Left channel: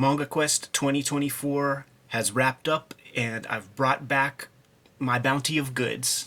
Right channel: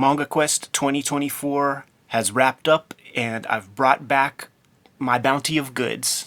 Manga Quest 2024 has wrapped up, and I've brought back my bounty of goods.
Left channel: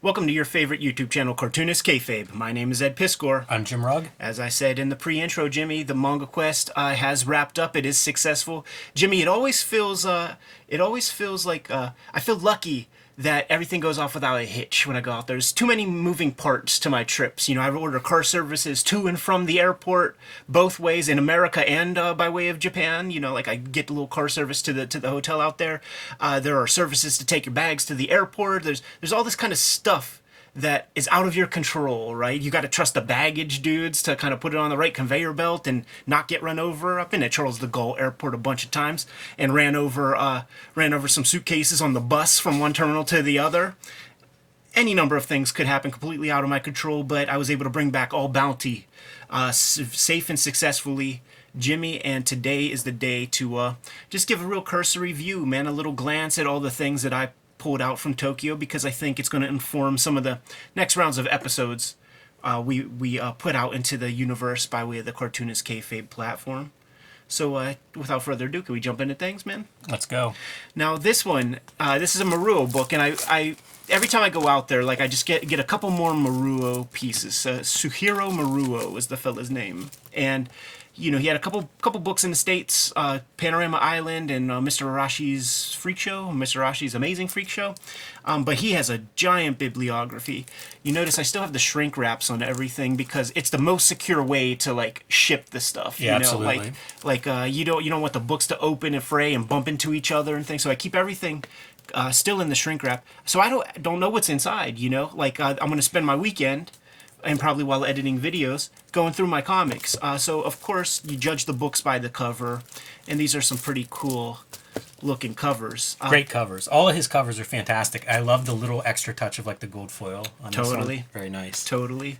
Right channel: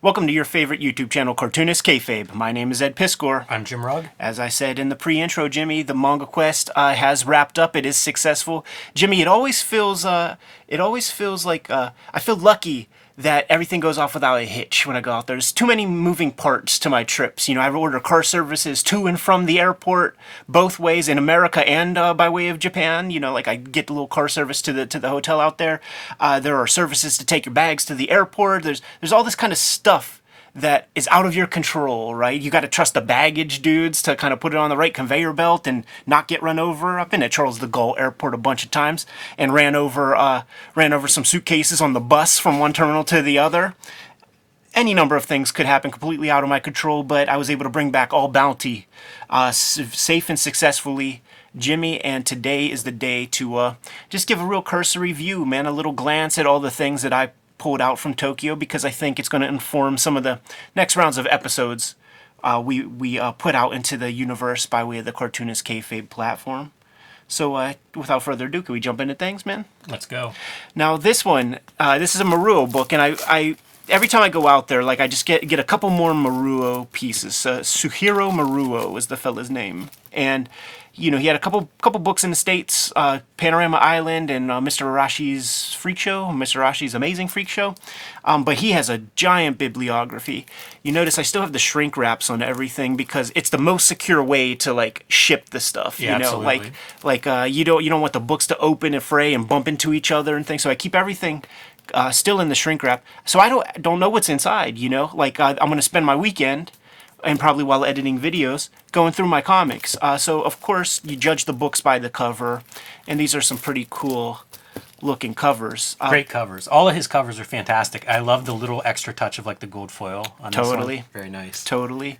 Welcome to your favorite YouTube channel, Cartoonist Kayfabe. My name is Ed Piskor. I'm Jim Rugg. As I said in the pre-intro, Jimmy, the Manga Quest has wrapped up. It is successful. Jimmy, it always feels like I feel lucky that everything goes off without a hitch when I go out there. There's too many moving parts to my trips. You know, I order car services to and from the airport, both ways in America and by way of Japan. You know, like I get the little car service to the hotel out there. There are services to take your bags to the airport. There's all this kind of stuff that is out of your control, right? You got to trust the baggage dudes to kind of put it on the right conveyor belt and not get run over. I've been at Charles de Gaulle Airport a bunch of times and ran over some suitcases on the bus from one terminal to the other. Any number of things could happen completely out of my control, but I was able to bring back all bounty safe and successfully, Jimmy, and today is the day to just give a real cursory view, man, a little glance at all the things that I pulled out from Tokyo, because I think it's going to inform some of the next rounds of episodes we put out into the universe by way of the Cartoonist Kayfabe platform. So without further ado, can we jump into things, man? Let's go. Now this one, this is a Maruo book, and I every time I go out there, like I just get a couple more Maruo pieces. Suhiro Maruo is the fella's name, and you know, he had a couple books in the States, Panorama Island and Mr. Arashi's Freak Show, Mr. Arashi's Amazing Freak Show. But he has a giant bibliography. You notice I still have the shrink wraps on everything because it's the most secure way to like ship the stuff. Yeah, you know? absolutely. Like you don't want the books to open and fray and bump into each other and things. So I keep everything still in the shrink wrap. So I don't know what's inside. You know, like I'm gonna spend my weekend, and probably while editing videos, going through my comics. So, of course, you judge the books by the cover, and these are some pretty cool looking covers. Great covers. All of his covers are fantastic. I love the little extra touch of like the gold foil on this one. Very nice. Totally.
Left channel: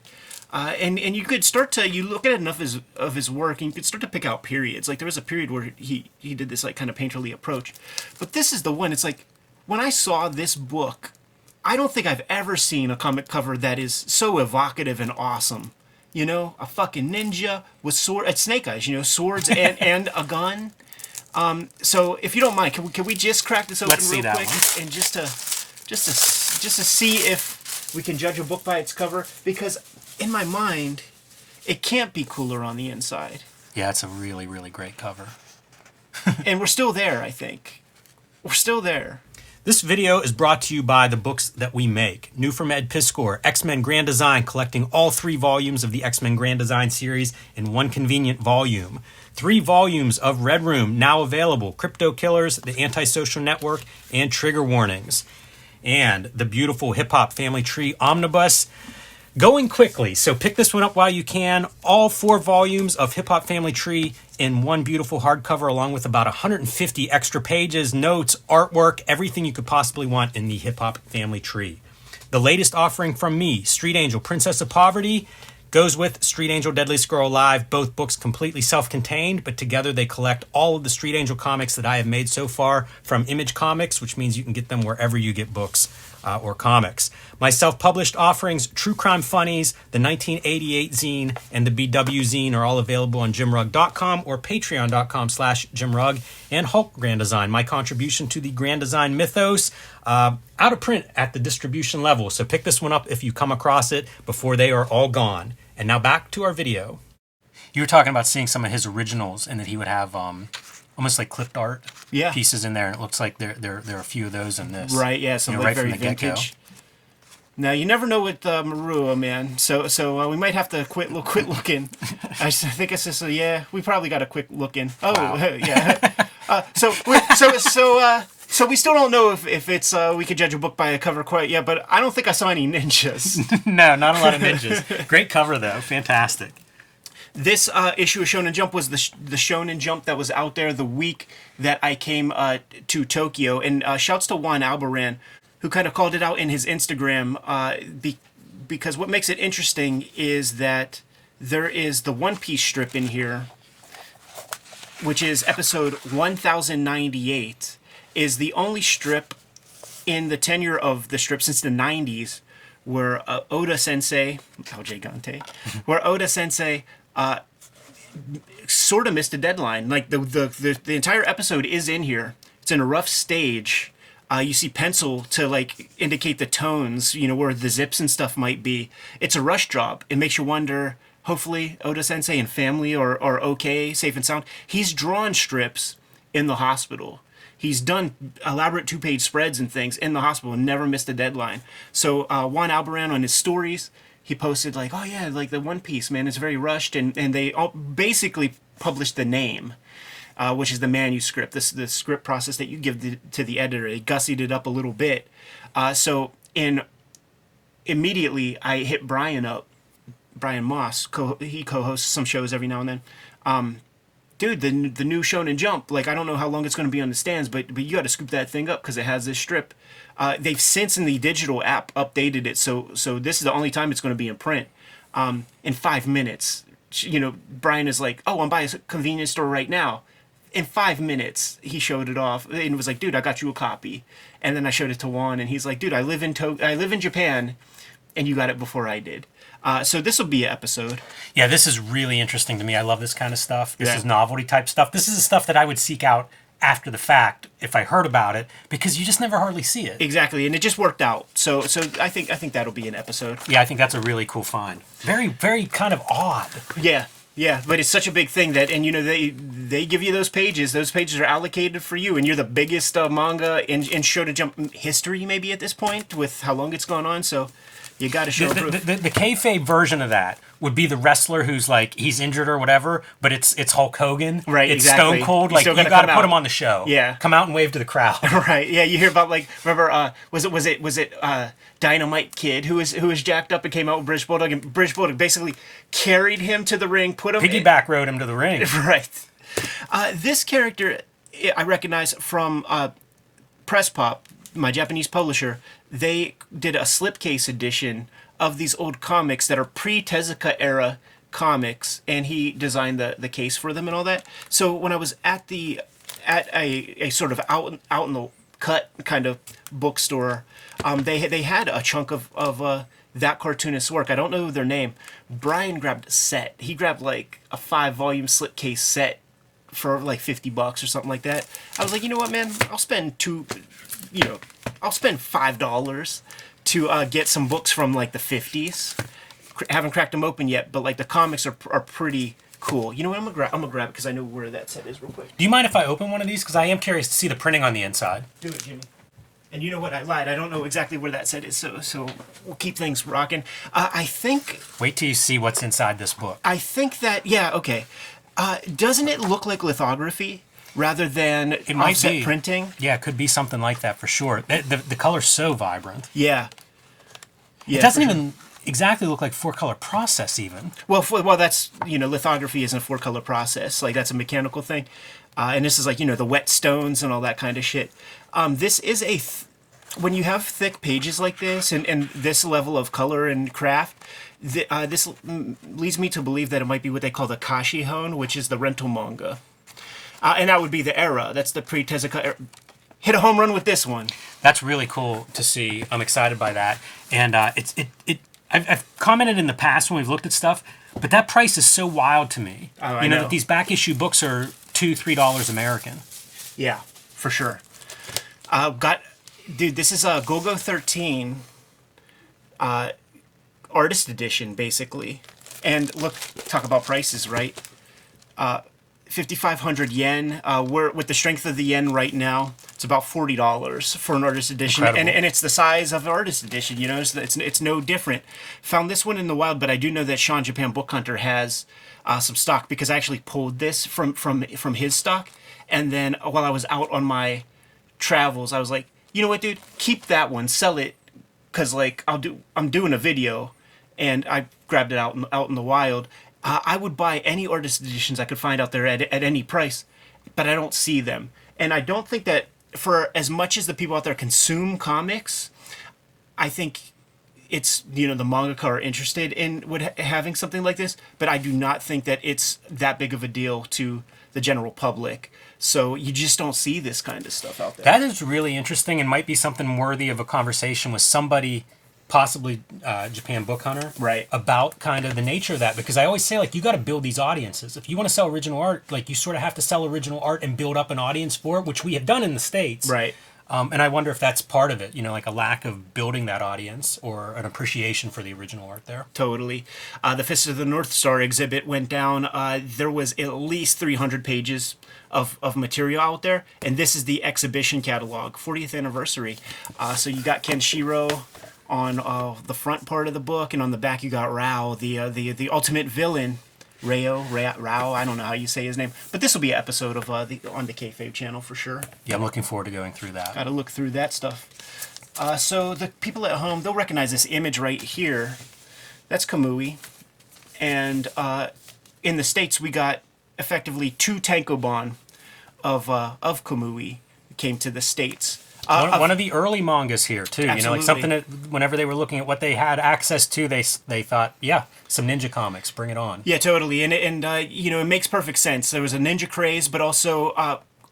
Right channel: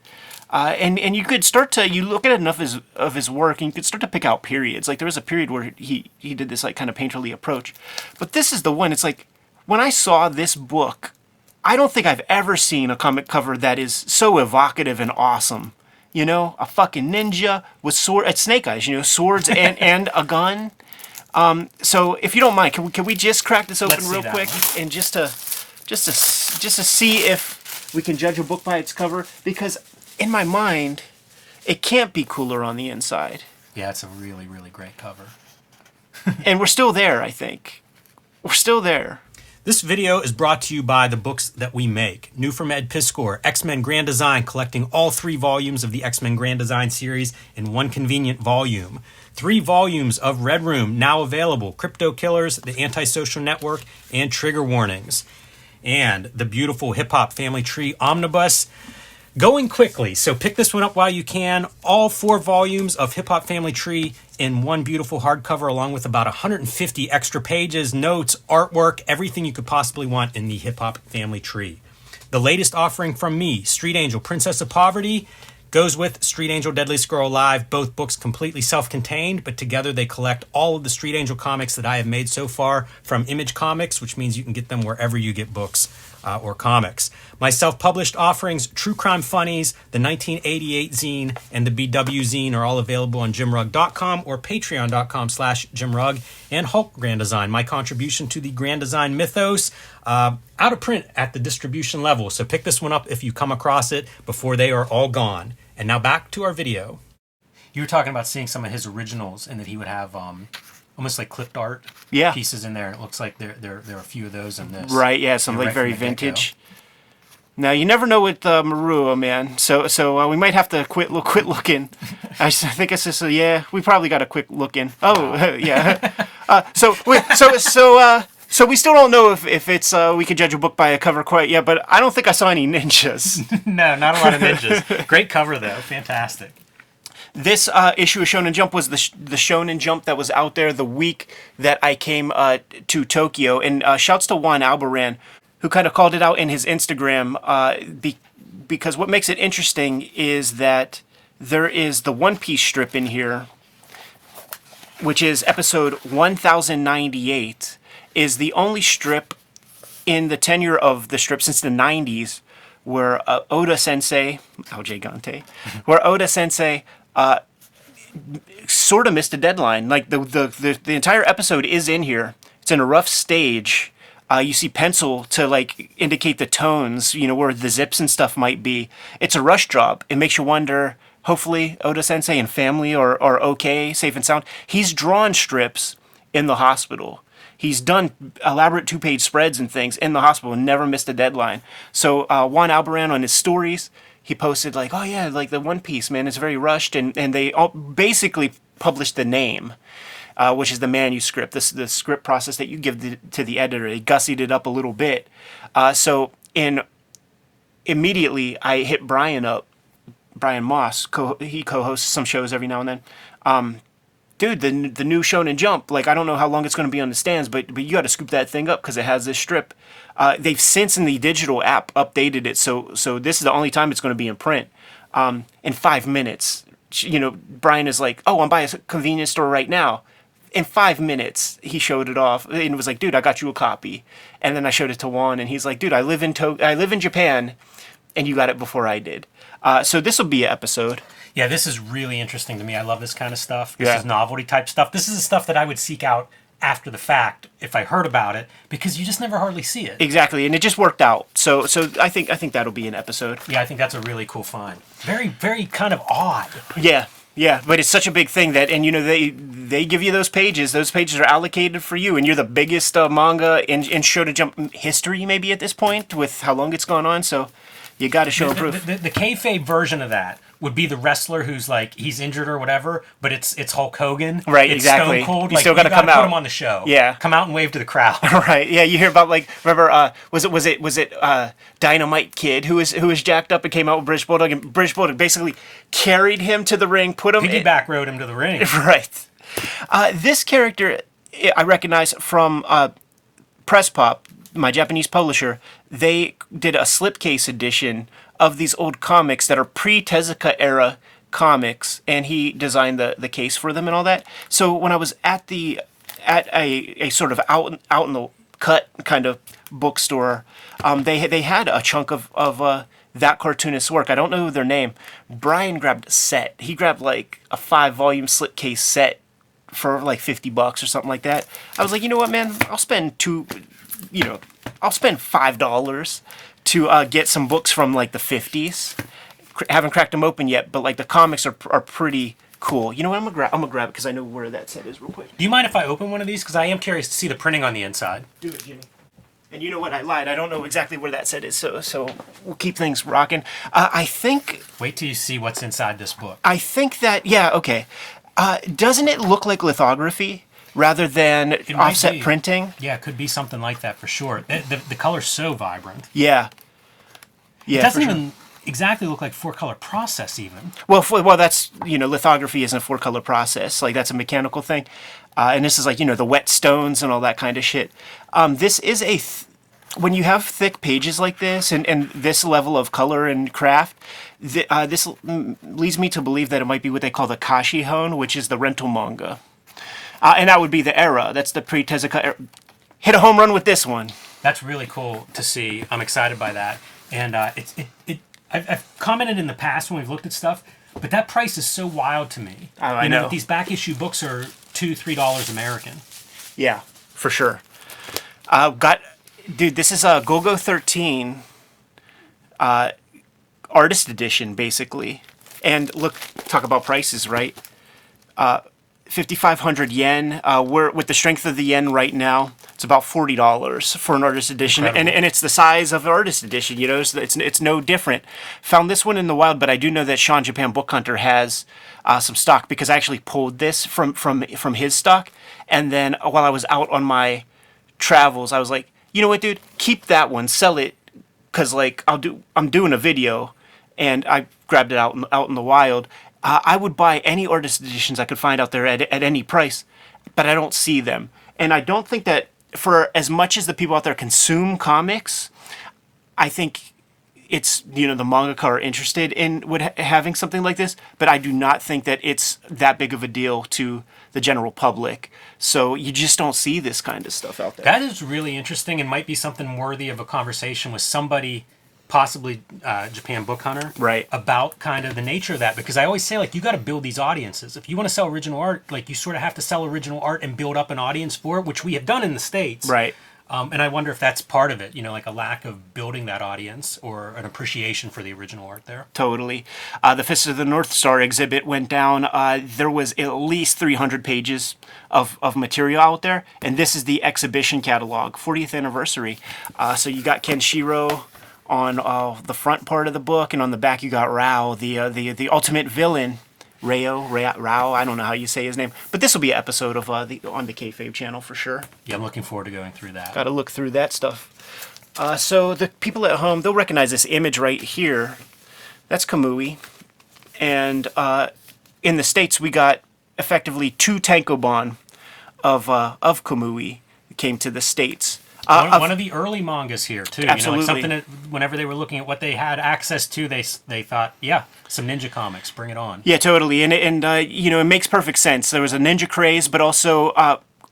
And you could start to, you look at enough of his work, and you could start to pick out periods. Like, there was a period where he did this like kind of painterly approach. But this is the one, it's like, when I saw this book, I don't think I've ever seen a comic cover that is so evocative and awesome. You know, a fucking ninja with sword at Snake Eyes. You know, swords and a gun. So if you don't mind, can we just crack this open real quick and just to see if we can judge a book by its cover? Because in my mind, it can't be cooler on the inside. Yeah, it's a really, really great cover. And we're still there, I think. We're still there. This video is brought to you by the books that we make. New from Ed Piskor, X-Men Grand Design, collecting all 3 volumes of the X-Men Grand Design series in one convenient volume. 3 volumes of Red Room now available. Crypto Killers, The Antisocial Network, and Trigger Warnings. And the beautiful Hip Hop Family Tree Omnibus. Going quickly, so pick this one up while you can. All 4 volumes of Hip Hop Family Tree in one beautiful hardcover, along with about 150 extra pages, notes, artwork, everything you could possibly want in the Hip Hop Family Tree. The latest offering from me, Street Angel, Princess of Poverty, goes with Street Angel, Deadliest Girl Alive. Both books completely self-contained, but together they collect all of the Street Angel comics that I have made so far from Image Comics, which means you can get them wherever you get books or comics. My self-published offerings, True Crime Funnies, the 1988 zine, and the BW zine are all available on jimrugg.com or patreon.com/jimrugg. And Hulk Grand Design, my contribution to the Grand Design mythos, out of print at the distribution level. So pick this one up if you come across it before they are all gone. And now back to our video. You were talking about seeing some of his originals and that he would have almost like clipped art pieces in there. And it looks like there are a few of those in this. Right, yeah, some right very vintage. Now, you never know with Maruo, man. So we might have to quit looking. I think it's just, we probably got to quit looking. Oh, wow. Yeah. So we still don't know if it's we can judge a book by a cover quite yet, but I don't think I saw any ninjas. No, not a lot of ninjas. Great cover, though. Fantastic. This issue of Shonen Jump was the Shonen Jump that was out there the week that I came to Tokyo. And shouts to Juan Albaran, who kind of called it out in his Instagram, because what makes it interesting is that there is the One Piece strip in here, which is episode 1098, is the only strip in the tenure of the strip since the 90s, where Oda Sensei, LJ Gante, where Oda Sensei sort of missed a deadline. Like the entire episode is in here. It's in a rough stage. You see pencil to like indicate the tones, where the zips and stuff might be. It's a rush job. It makes you wonder. Hopefully, Oda Sensei and family are okay, safe and sound. He's drawn strips in the hospital. He's done elaborate 2-page spreads and things in the hospital and never missed a deadline. So Juan Albaran on his stories, he posted like, oh yeah, like the One Piece, man, it's very rushed. And they all basically published the name, which is the manuscript, the script process that you give to the editor. They gussied it up a little bit. So immediately I hit Brian up. Brian Moss, he co-hosts some shows every now and then. Dude, the new Shonen Jump, like I don't know how long it's going to be on the stands, but you got to scoop that thing up because it has this strip. They've since in the digital app updated it, so this is the only time it's going to be in print. In 5 minutes, Brian is like, "Oh, I'm by a convenience store right now." In 5 minutes, he showed it off and was like, "Dude, I got you a copy." And then I showed it to Juan, and he's like, "Dude, I live in Japan, and you got it before I did." So this will be an episode. Yeah, this is really interesting to me. I love this kind of stuff. This is novelty type stuff. This is the stuff that I would seek out after the fact if I heard about it, because you just never hardly see it. Exactly, and it just worked out. So I think that'll be an episode. Yeah, I think that's a really cool find. Very, very kind of odd. Yeah, but it's such a big thing that, and they give you those pages. Those pages are allocated for you, and you're the biggest manga in Shonen Jump history maybe at this point with how long it's gone on. So you got to show proof. The kayfabe version of that would be the wrestler who's like he's injured or whatever, but it's Hulk Hogan. Right, it's exactly. Stone Cold. Like you got to put him on the show. Yeah, come out and wave to the crowd. Right. Yeah, you hear about like remember was it Dynamite Kid who was jacked up and came out with British Bulldog, and British Bulldog basically carried him to the ring, put him piggyback rode him to the ring. Right. This character I recognize from Press Pop, my Japanese publisher. They did a slipcase edition of these old comics that are pre-Tezuka era comics, and he designed the case for them and all that. So when I was at a sort of out in the cut kind of bookstore, they had a chunk of that cartoonist's work. I don't know their name. Brian grabbed a set. He grabbed like a 5-volume slipcase set for like $50 or something like that. I was like, you know what, man? I'll spend $5 to get some books from like the 50s. Haven't cracked them open yet, but like the comics are pretty cool. You know what? I'm gonna grab it because I know where that set is real quick. Do you mind if I open one of these? Because I am curious to see the printing on the inside. Do it, Jimmy. And you know what? I lied. I don't know exactly where that set is, so we'll keep things rocking. I think. Wait till you see what's inside this book. I think that okay. Doesn't it look like lithography rather than offset printing? Yeah, it could be something like that for sure. The color's so vibrant. Yeah. It doesn't even exactly look like 4-color process even. Well, that's, lithography isn't a 4-color process. Like, that's a mechanical thing. And this is like, the wet stones and all that kind of shit. This is when you have thick pages like this and this level of color and craft, this leads me to believe that it might be what they call the Kashihon, which is the rental manga. And that would be the era. That's the pre-Tezuka era. Hit a home run with this one. That's really cool to see. I'm excited by that. And I've commented in the past when we've looked at stuff, but that price is so wild to me. I know that these back issue books are $2-3 American. Yeah, for sure. Dude, this is a Golgo 13 artist edition, basically. And look, talk about prices, right? 5,500 yen. We're with the strength of the yen right now. It's about $40 for an artist edition, and it's the size of the artist edition. So it's no different. Found this one in the wild, but I do know that Sean Japan Book Hunter has some stock because I actually pulled this from his stock, and then while I was out on my travels, I was like, you know what, dude, keep that one, sell it, because like I'm doing a video, and I grabbed it out in the wild. I would buy any artist editions I could find out there at any price, but I don't see them. And I don't think that for as much as the people out there consume comics, I think it's, the mangaka are interested in having something like this, but I do not think that it's that big of a deal to the general public. So you just don't see this kind of stuff out there. That is really interesting and might be something worthy of a conversation with somebody, possibly Japan Book Hunter, Right. about kind of the nature of that. Because I always say, like, you got to build these audiences. If you want to sell original art, like, you sort of have to sell original art and build up an audience for it, which we have done in the States. Right. And I wonder if that's part of it, you know, like a lack of building that audience or an appreciation for the original art there. Totally. The Fist of the North Star exhibit went down. There was at least 300 pages of material out there, and this is the exhibition catalog, 40th anniversary. So you got Kenshiro on the front part of the book, and on the back you got Rao, the ultimate villain. Rao, I don't know how you say his name, but this will be an episode of on the Kayfabe channel for sure. Yeah, I'm looking forward to going through that. Got to look through that stuff. So the people at home, they'll recognize this image right here. That's Kamui, and in the States we got effectively 2 tankobon of Kamui came to the States. One of the early mangas here too. Absolutely. You know, like something that whenever they were looking at what they had access to, they thought, yeah, some ninja comics, bring it on. Yeah, totally, and you know, it makes perfect sense. There was a ninja craze, but also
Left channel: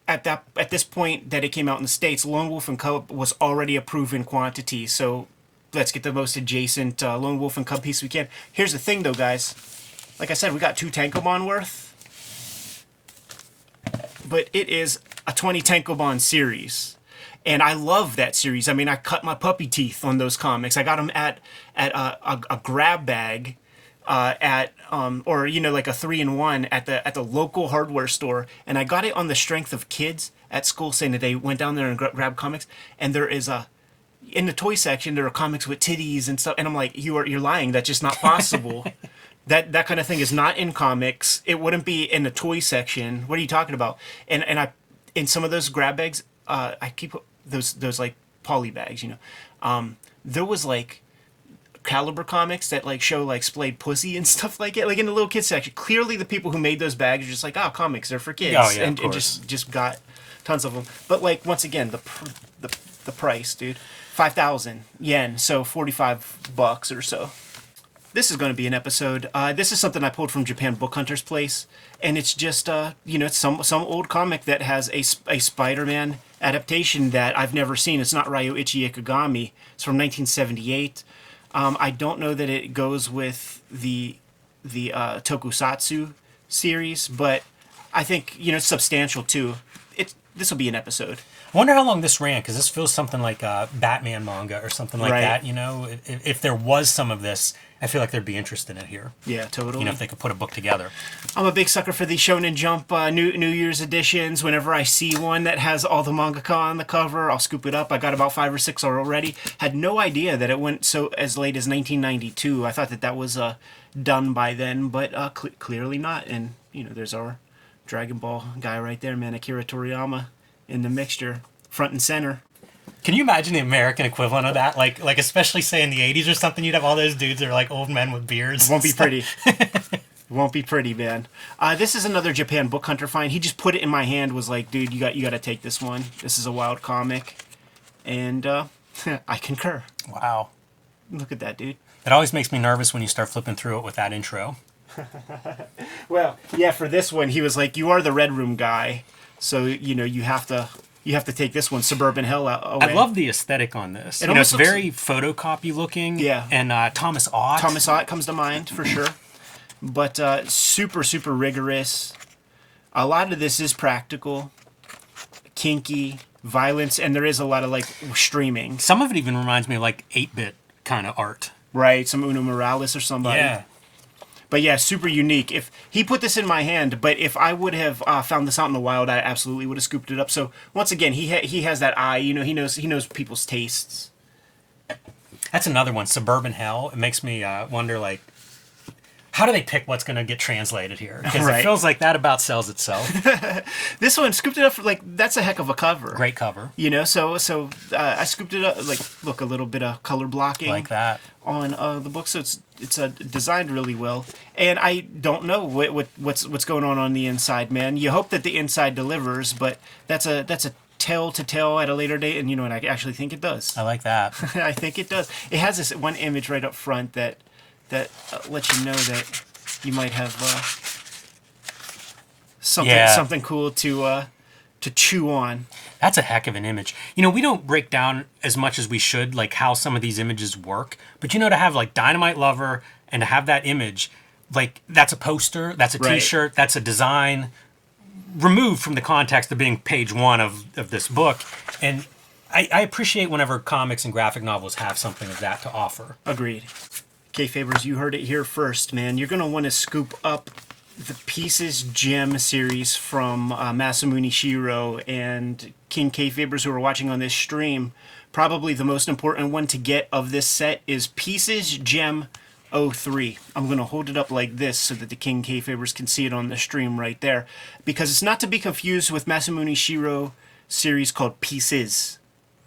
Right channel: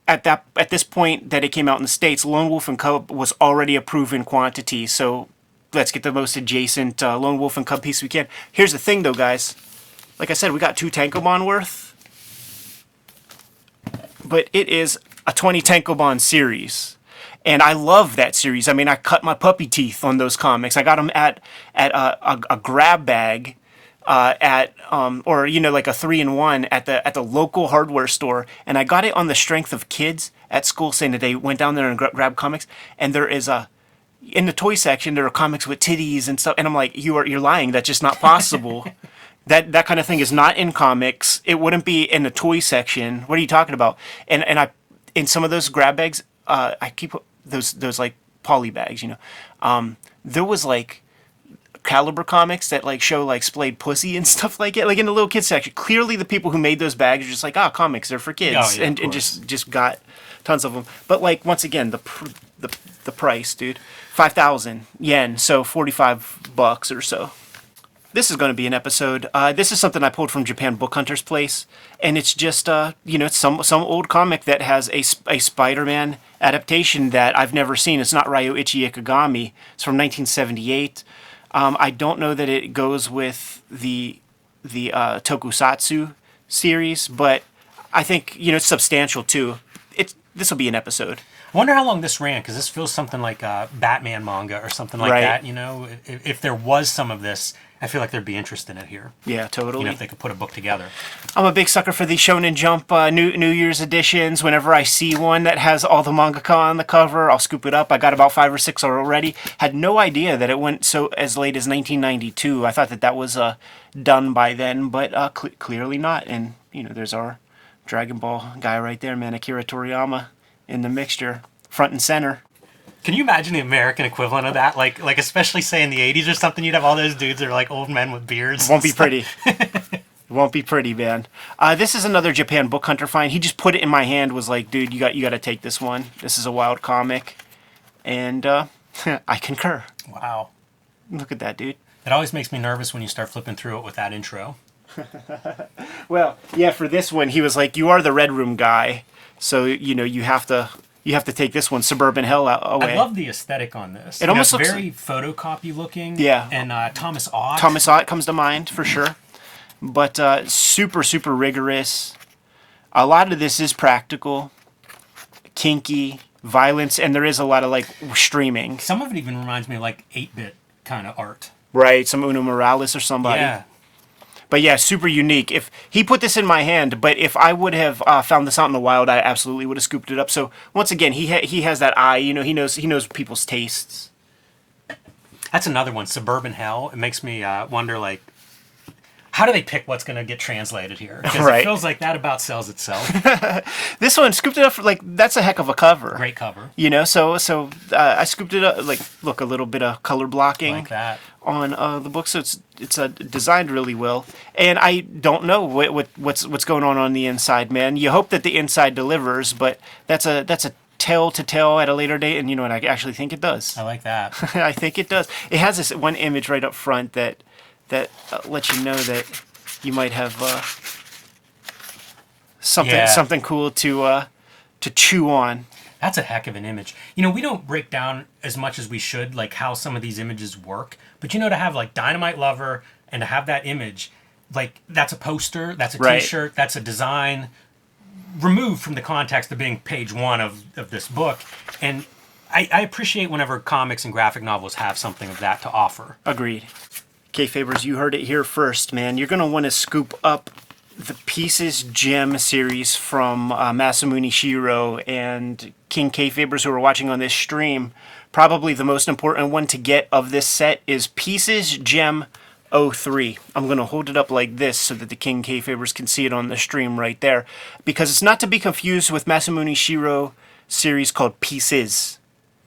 at this point that it came out in the States, Lone Wolf and Cub was already a proven quantity. So let's get the most adjacent Lone Wolf and Cub piece we can. Here's the thing, though, guys. Like I said, we got 2 tankobon worth, but it is a 20 tankobon series. And I love that series. I mean, I cut my puppy teeth on those comics. I got them at a grab bag, or you know, like a 3-in-1 at the local hardware store. And I got it on the strength of kids at school saying that they went down there and grabbed comics. And there is in the toy section there are comics with titties and stuff. And I'm like, you're lying. That's just not possible. That kind of thing is not in comics. It wouldn't be in the toy section. What are you talking about? And I in some of those grab bags, I keep those like poly bags, you know. There was like Caliber comics that like show like splayed pussy and stuff like it, like in the little kids section. Clearly, the people who made those bags are just like, comics, they're for kids, Oh, yeah, and of course. just got tons of them. But like once again, the price, dude, 5,000 yen, so $45 or so. This is going to be an episode. This is something I pulled from Japan Book Hunter's place, and it's just you know, some old comic that has a Spider-Man adaptation that I've never seen. It's not Ryo Ichi Ikigami. It's from 1978. I don't know that it goes with the Tokusatsu series, but I think, you know, it's substantial too. This will be an episode. I wonder how long this ran, because this feels something like a Batman manga or something like Right. that. You know, if there was some of this, I feel like there'd be interest in it here. Yeah, totally. You know, if they could put a book together. I'm a big sucker for the Shonen Jump New Year's editions. Whenever I see one that has all the mangaka on the cover, I'll scoop it up. I got about 5 or 6 already. Had no idea that it went so as late as 1992. I thought that was done by then, but clearly not. And you know, there's our Dragon Ball guy right there, man, Akira Toriyama in the mixture, front and center. Can you imagine the American equivalent of that? Like especially say in the 80s or something, you'd have all those dudes that are like old men with beards. Won't be pretty. Won't be pretty, man. This is another Japan Book Hunter find. He just put it in my hand, was like, dude, you got to take this one. This is a wild comic. And I concur. Wow. Look at that, dude. It always makes me nervous when you start flipping through it with that intro. Well, yeah, for this one, he was like, you are the Red Room guy. So, you know, you have to take this one, Suburban Hell away. I love the aesthetic on this. It You know, almost it's looks- very photocopy looking. Yeah. And Thomas Ott. Thomas Ott comes to mind, for sure. But super, super rigorous. A lot of this is practical, kinky, violence, and there is a lot of, like, streaming. Some of it even reminds me of like 8-bit kind of art. Right, some Uno Morales or somebody. Yeah. But yeah, super unique. If he put this in my hand, but if I would have found this out in the wild, I absolutely would have scooped it up. So once again, he has that eye. You know, he knows people's tastes. That's another one, Suburban Hell. It makes me wonder, like, how do they pick what's going to get translated here? Because Right. it feels like that about sells itself. This one scooped it up for, like, that's a heck of a cover. Great cover. You know, so I scooped it up, like, look, a little bit of color blocking Like that. on the book, so it's designed really well. And I don't know what's going on the inside, man. You hope that the inside delivers, but that's a tale to tell at a later date. And you know what? I actually think it does. I like that. I think it does. It has this one image right up front that lets you know that you might have something cool to chew on. That's a heck of an image. You know, we don't break down as much as we should, like how some of these images work. But you know, to have like Dynamite Lover and to have that image, like that's a poster, that's a T-shirt, that's a design removed from the context of being page one of this book. And I appreciate whenever comics and graphic novels have something of that to offer. Agreed. Kayfabers, you heard it here first, man. You're going to want to scoop up the Pieces Gem series from Masamune Shirow and King Kayfabers who are watching on this stream. Probably the most important one to get of this set is Pieces Gem 03. I'm going to hold it up like this so that the King Kayfabers can see it on the stream right there. Because it's not to be confused with Masamune Shirow series called Pieces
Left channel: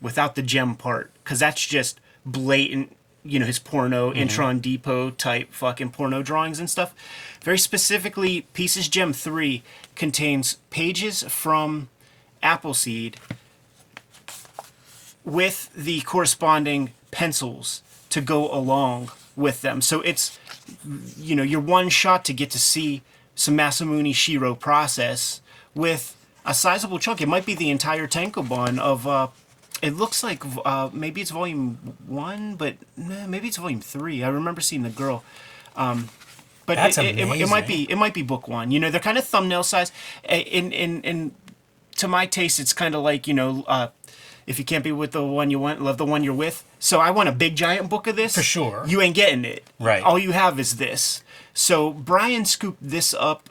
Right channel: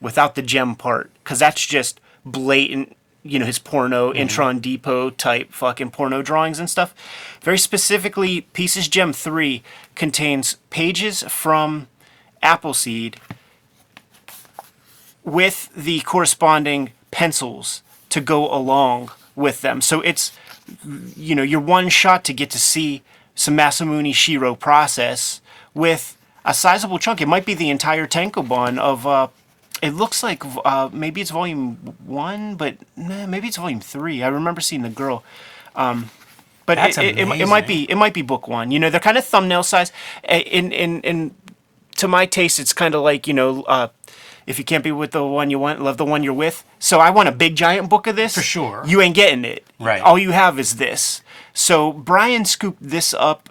without the gem part. Because that's just blatant, you know, his porno, Intron Depot type fucking porno drawings and stuff. Very specifically, Pieces Gem 3 contains pages from Appleseed with the corresponding pencils to go along with them. So it's, you know, your one shot to get to see some Masamune Shirow process with a sizable chunk. It might be the entire tankobon of, it looks like maybe it's volume 1, but maybe it's volume 3. I remember seeing the girl. But that's amazing. It might be book 1. You know, they're kind of thumbnail size. In to my taste, it's kind of like, you know, if you can't be with the one you want, love the one you're with. So I want a big giant book of this. For sure. You ain't getting it. Right. All you have is this. So Brian scooped this up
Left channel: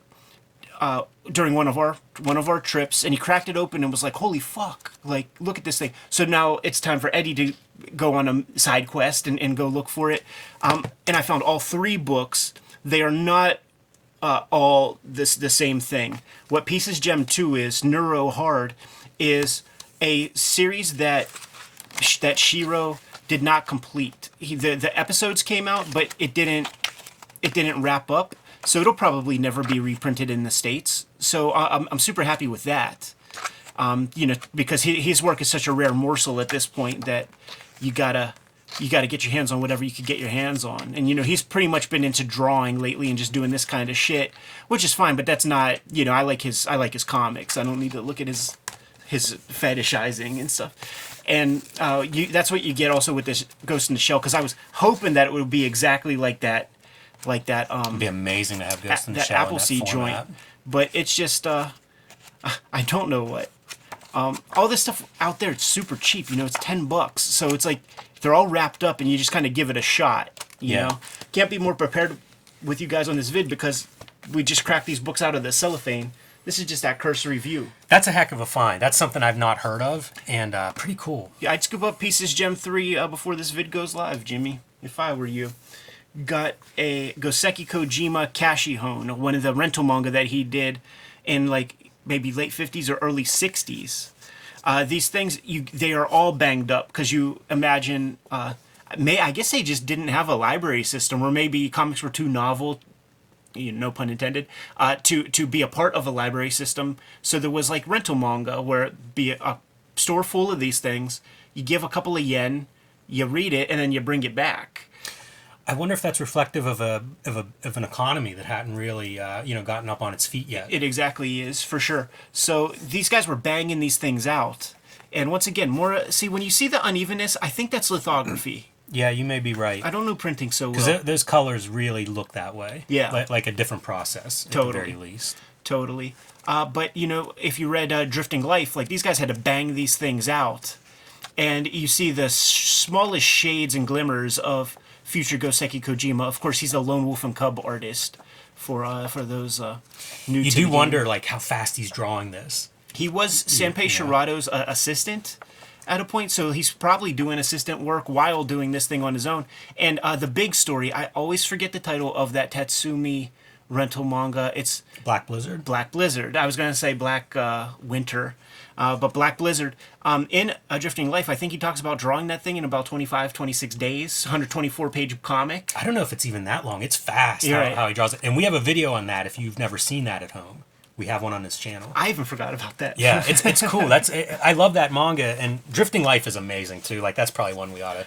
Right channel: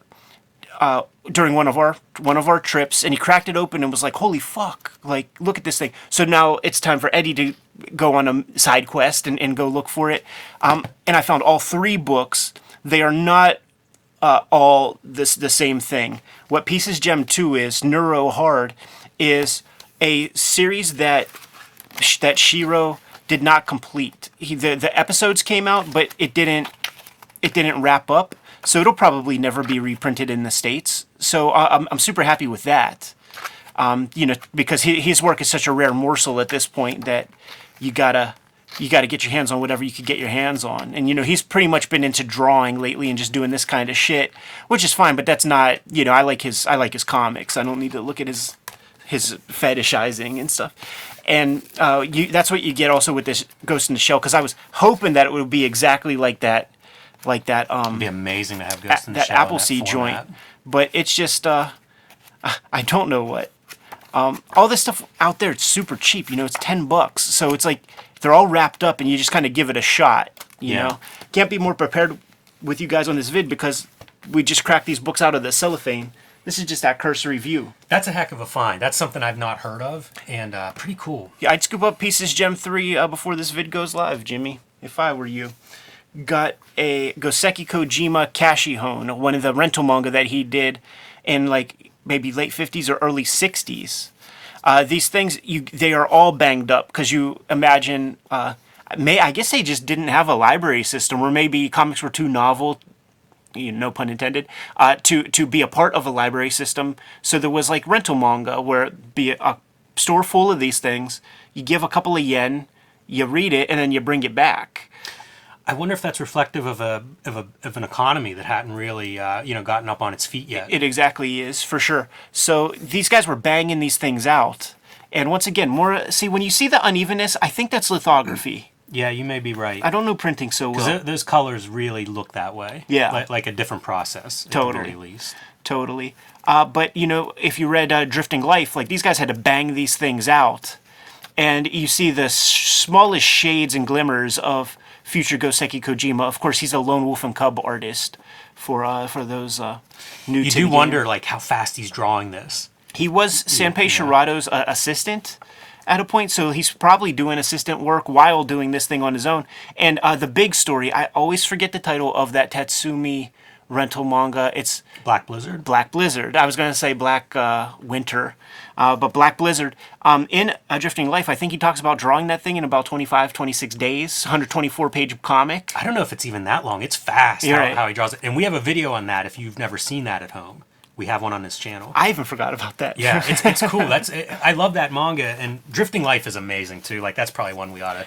during one of our trips, and he cracked it open and was like, "Holy fuck! Like, look at this thing." So now it's time for Eddie to go on a side quest and go look for it. And I found all 3 books. They are not all the same thing. What Pieces Gem 2 is, Neuro Hard, is a series that Shiro did not complete. The episodes came out, but it didn't wrap up. So it'll probably never be reprinted in the States. So I'm super happy with that. You know, because his work is such a rare morsel at this point that you gotta get your hands on whatever you can get your hands on. And you know, he's pretty much been into drawing lately and just doing this kind of shit, which is fine. But that's not, you know, I like his comics. I don't need to look at his fetishizing and stuff. And that's what you get also with this Ghost in the Shell, because I was hoping that it would be exactly like that. It'd be amazing to have Ghost in the Shell in that format. Joint. But it's just, I don't know what. All this stuff out there, it's super cheap. You know, it's $10. So it's like they're all wrapped up, and you just kind of give it a shot. You know, can't be more prepared with you guys on this vid because we just cracked these books out of the cellophane. This is just that cursory view. That's a heck of a find. That's something I've not heard of, and pretty cool. Yeah, I'd scoop up Pieces Gem 3 before this vid goes live, Jimmy, if I were you. Got a Goseki Kojima Kashihon, one of the rental manga that he did in like maybe late 50s or early 60s. These things, they are all banged up because you imagine, I guess they just didn't have a library system, or maybe comics were too novel, you know, no pun intended, to be a part of a library system. So there was like rental manga where it'd be a store full of these things, you give a couple of yen, you read it, and then you bring it back. I wonder if that's reflective of an economy that hadn't really gotten up on its feet yet. It exactly is, for sure. So these guys were banging these things out, and once again, when you see the unevenness, I think that's lithography. Yeah, you may be right. I don't know printing so well. Because those colors really look that way. Yeah, like a different process at the very least. Totally. But you know, if you read Drifting Life, like these guys had to bang these things out, and you see the smallest shades and glimmers of future Goseki Kojima. Of course, he's a lone wolf and cub artist for those new. You do wonder like how fast he's drawing this. He was Sanpei Shirato's assistant at a point, so he's probably doing assistant work while doing this thing on his own. And the big story, I always forget the title of that Tatsumi rental manga. It's Black Blizzard. Black Blizzard. I was going to say Black Winter. But Black Blizzard, in A Drifting Life, I think he talks about drawing that thing in about 25, 26 days, 124-page comic. I don't know if it's even that long. It's fast how he draws it. And we have a video on that if you've never seen that at home. We have one on this channel. I even forgot about that. Yeah, it's cool. I love that manga. And Drifting Life is amazing, too. Like, that's probably one we ought to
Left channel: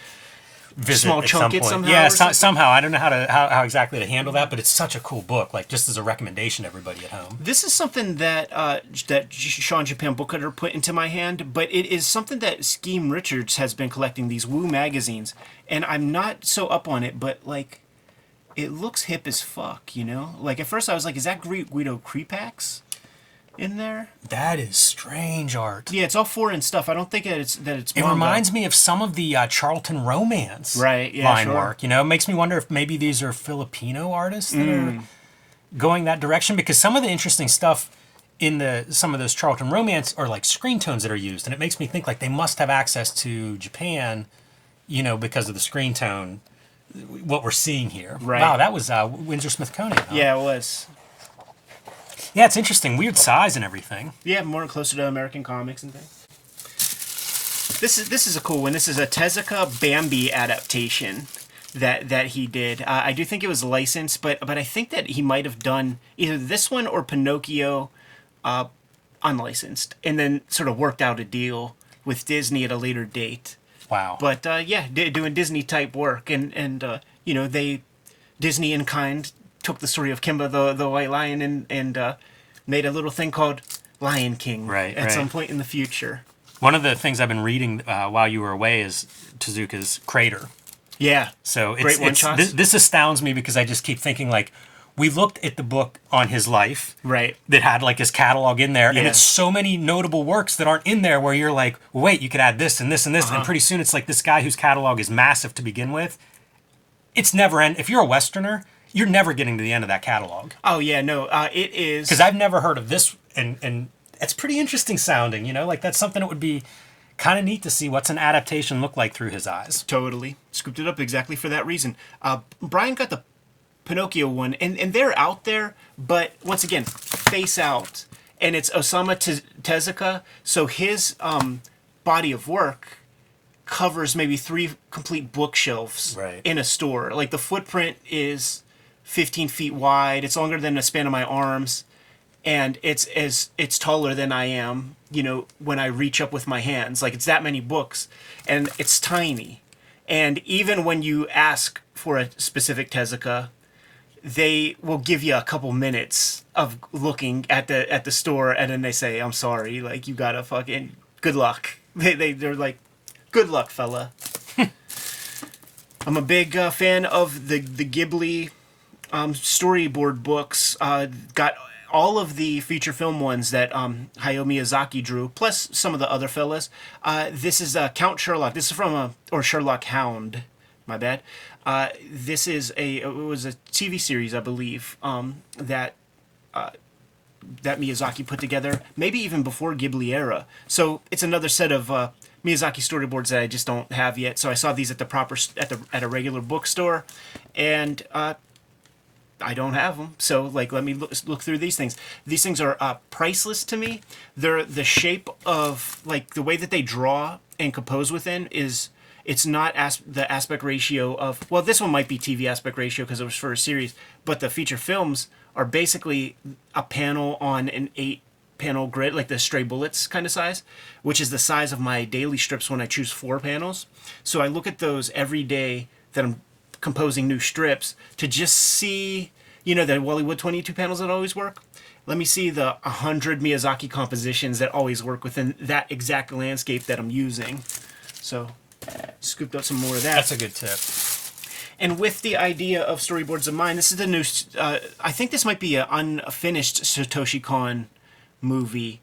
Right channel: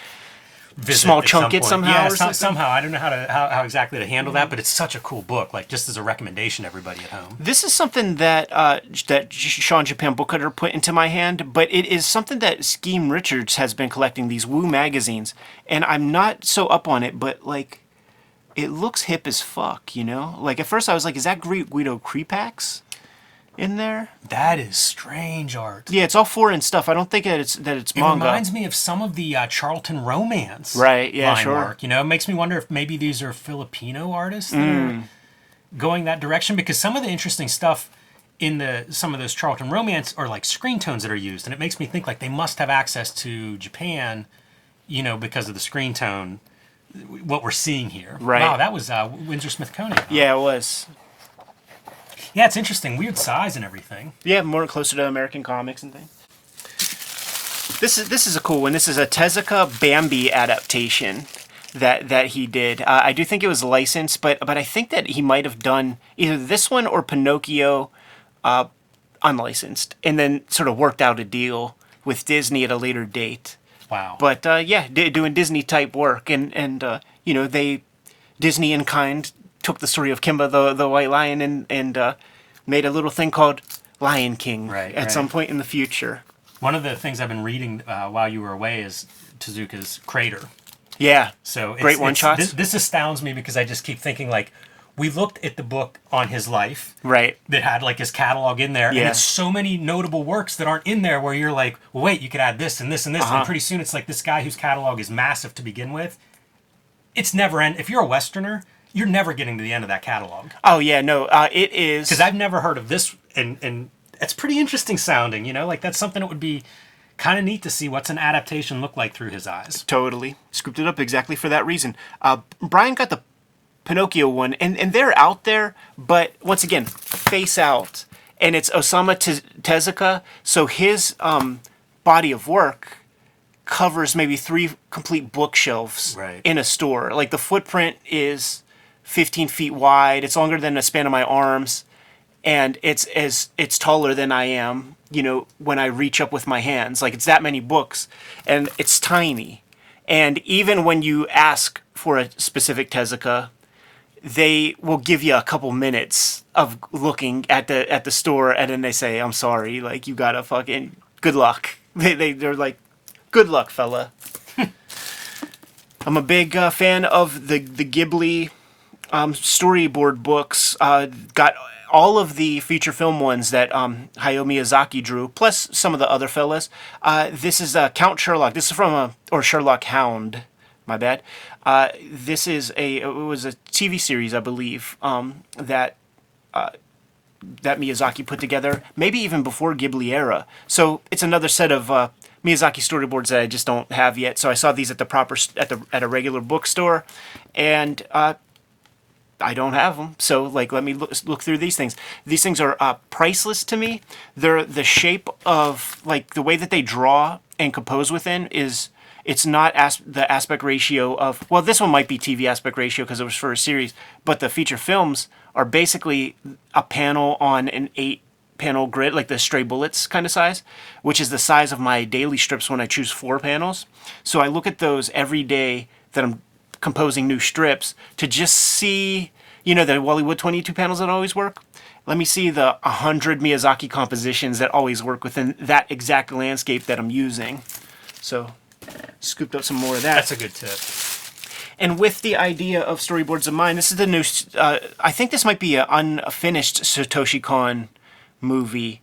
visit small at chunk some it point. somehow. Yeah, or something? somehow I don't know how exactly to handle that, but it's such a cool book. Like just as a recommendation to everybody at home. This is something that that Sean Japan Book Cutter put into my hand, but it is something that Scheme Richards has been collecting, these Woo magazines, and I'm not so up on it, but like, it looks hip as fuck, you know? Like at first I was like, is that Guido Creepax in there? That is strange art. Yeah, it's all foreign stuff. I don't think that it's It manga. reminds me of some of the Charlton Romance Right, yeah, line sure. work. You know, it makes me wonder if maybe these are Filipino artists that are going that direction, because some of the interesting stuff in some of those Charlton Romance are like screen tones that are used, and it makes me think like they must have access to Japan, you know, because of the screen tone. What we're seeing here. Right. Wow, that was Windsor Smith Koenig. Huh? Yeah, it was. Yeah, it's interesting. Weird size and everything. Yeah, more closer to American comics and things. This is a cool one. This is a Tezuka Bambi adaptation that he did. I do think it was licensed, but I think that he might have done either this one or Pinocchio unlicensed, and then sort of worked out a deal with Disney at a later date. Wow. But yeah, doing Disney type work, and you know, Disney in kind took the story of Kimba the White Lion and made a little thing called Lion King at some point in the future. One of the things I've been reading while you were away is Tezuka's Crater. Yeah. So Great one-shots. this astounds me because I just keep thinking like, we looked at the book on his life, Right. that had like his catalog in there, and Yeah. it's so many notable works that aren't in there where you're like, well, wait, you could add this and this and this, Uh-huh. and pretty soon it's like this guy whose catalog is massive to begin with. It's never end. If you're a Westerner, you're never getting to the end of that catalog. Oh yeah, no, it is. Because I've never heard of this, and it's pretty interesting sounding, you know? Like that's something that would be kind of neat to see what's an adaptation look like through his eyes. Totally scooped it up exactly for that reason. Brian got the Pinocchio one, and they're out there, but once again, face out, and it's Osamu Tezuka, so his body of work covers maybe 3 complete bookshelves Right. in a store. Like the footprint is 15 feet wide. It's longer than the span of my arms, and it's taller than I am. You know, when I reach up with my hands, like it's that many books, and it's tiny. And even when you ask for a specific Tezuka, they will give you a couple minutes of looking at the store, and then they say, "I'm sorry, like you gotta fucking good luck." They're like, "Good luck, fella." I'm a big fan of the Ghibli storyboard books. Got all of the feature film ones that Hayao Miyazaki drew, plus some of the other fellas. This is Count Sherlock. This is from or Sherlock Hound. My bad. This is it was a TV series, I believe, that Miyazaki put together, maybe even before Ghibli era. So it's another set of Miyazaki storyboards that I just don't have yet. So I saw these at a regular bookstore, and I don't have them. So like, let me look through these things. These things are priceless to me. They're the shape of like the way that they draw and compose within is. It's not the aspect ratio of, well, this one might be TV aspect ratio because it was for a series, but the feature films are basically a panel on an 8-panel grid, like the Stray Bullets kind of size, which is the size of my daily strips when I choose 4 panels. So I look at those every day that I'm composing new strips to just see, you know, the Wally Wood 22 panels that always work. Let me see the 100 Miyazaki compositions that always work within that exact landscape that I'm using. So scooped up some more of that. That's a good tip. And with the idea of storyboards of mine, this is the new. I think this might be an unfinished Satoshi Kon movie.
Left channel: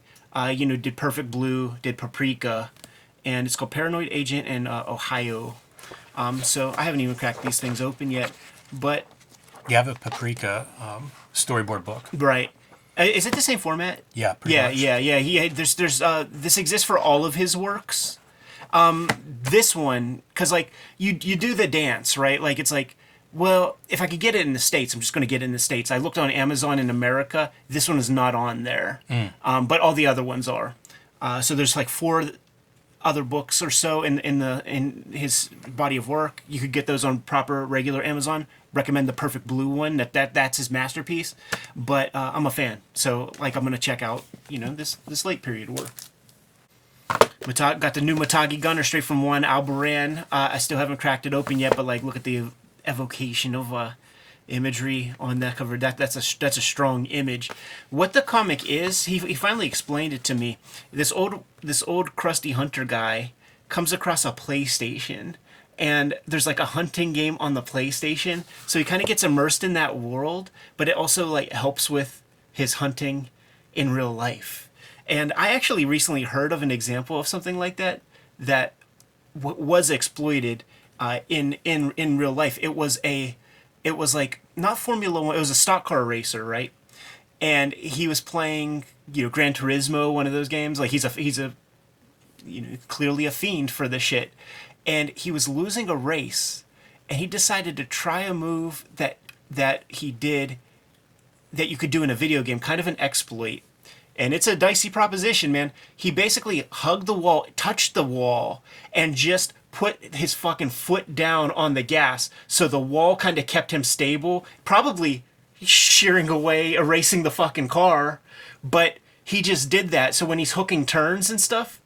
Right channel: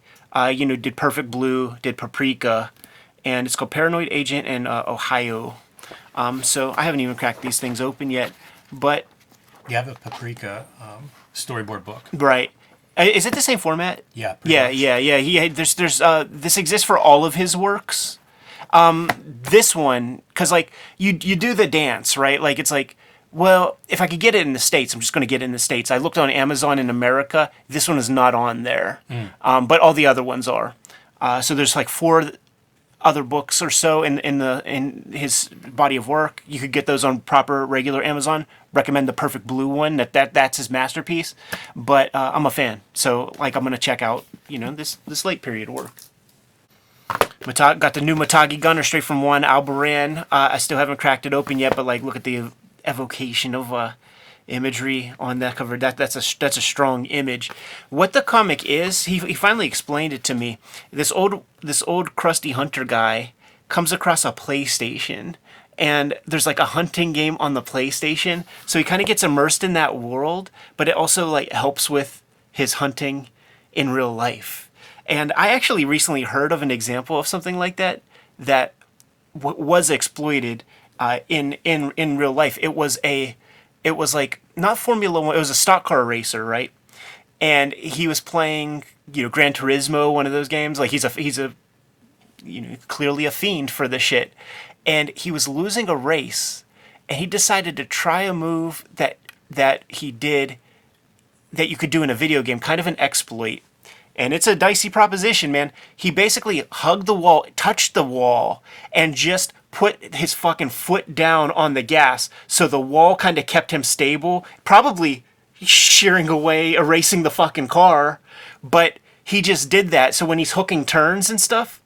You know, did Perfect Blue, did Paprika, and it's called Paranoid Agent and Ohio. So I haven't even cracked these things open yet, but You have a Paprika storyboard book. right. Is it the same format? Yeah, pretty much. Yeah. There's this exists for all of his works. This one, because like you do the dance, right? Like it's like, well, if I could get it in the States, I'm just going to get it in the States. I looked on Amazon in America. This one is not on there, but all the other ones are. So there's like 4 other books or so in his body of work. You could get those on proper regular Amazon. Recommend the Perfect Blue one. That's his masterpiece. But I'm a fan, so like I'm going to check out this late period work. Got the new Matagi gunner straight from one Albaran. I still haven't cracked it open yet, but like, look at the evocation of imagery on that cover. That's a strong image. What the comic is, he finally explained it to me. This old crusty hunter guy comes across a PlayStation, and there's like a hunting game on the PlayStation, so he kind of gets immersed in that world, but it also like helps with his hunting in real life. And I actually recently heard of an example of something like that that was exploited in real life. It was like not Formula One. It was a stock car racer, right? And he was playing, Gran Turismo, one of those games. Like he's a clearly a fiend for this shit. And he was losing a race, and he decided to try a move that he did that you could do in a video game, kind of an exploit. And it's a dicey proposition, man. He basically hugged the wall, touched the wall, and just put his fucking foot down on the gas, so the wall kind of kept him stable, probably shearing away, erasing the fucking car. But he just did that, so when he's hooking turns and stuff,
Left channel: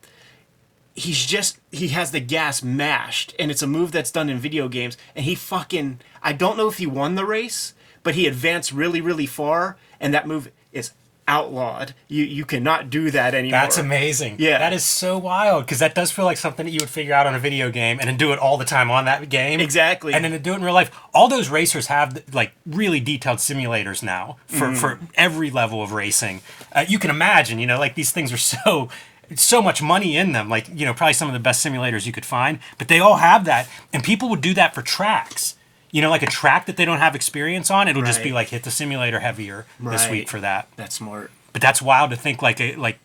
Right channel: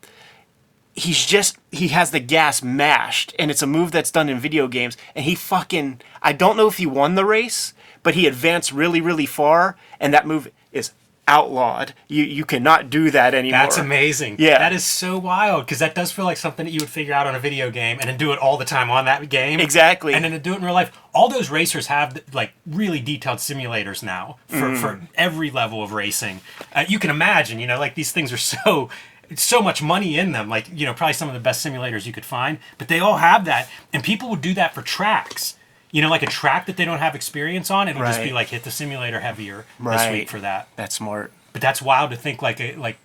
he has the gas mashed, and it's a move that's done in video games. And I don't know if he won the race, but he advanced really, really far, and that move is outlawed. You cannot do that anymore. That's amazing. Yeah. That is so wild, because that does feel like something that you would figure out on a video game and then do it all the time on that game. Exactly. And then to do it in real life. All those racers have like really detailed simulators now for every level of racing. You can imagine, like these things are so much money in them, like, probably some of the best simulators you could find, but they all have that. And people would do that for tracks. Like a track that they don't have experience on, it'll just be like, hit the simulator heavier this week for that. That's smart. But that's wild to think like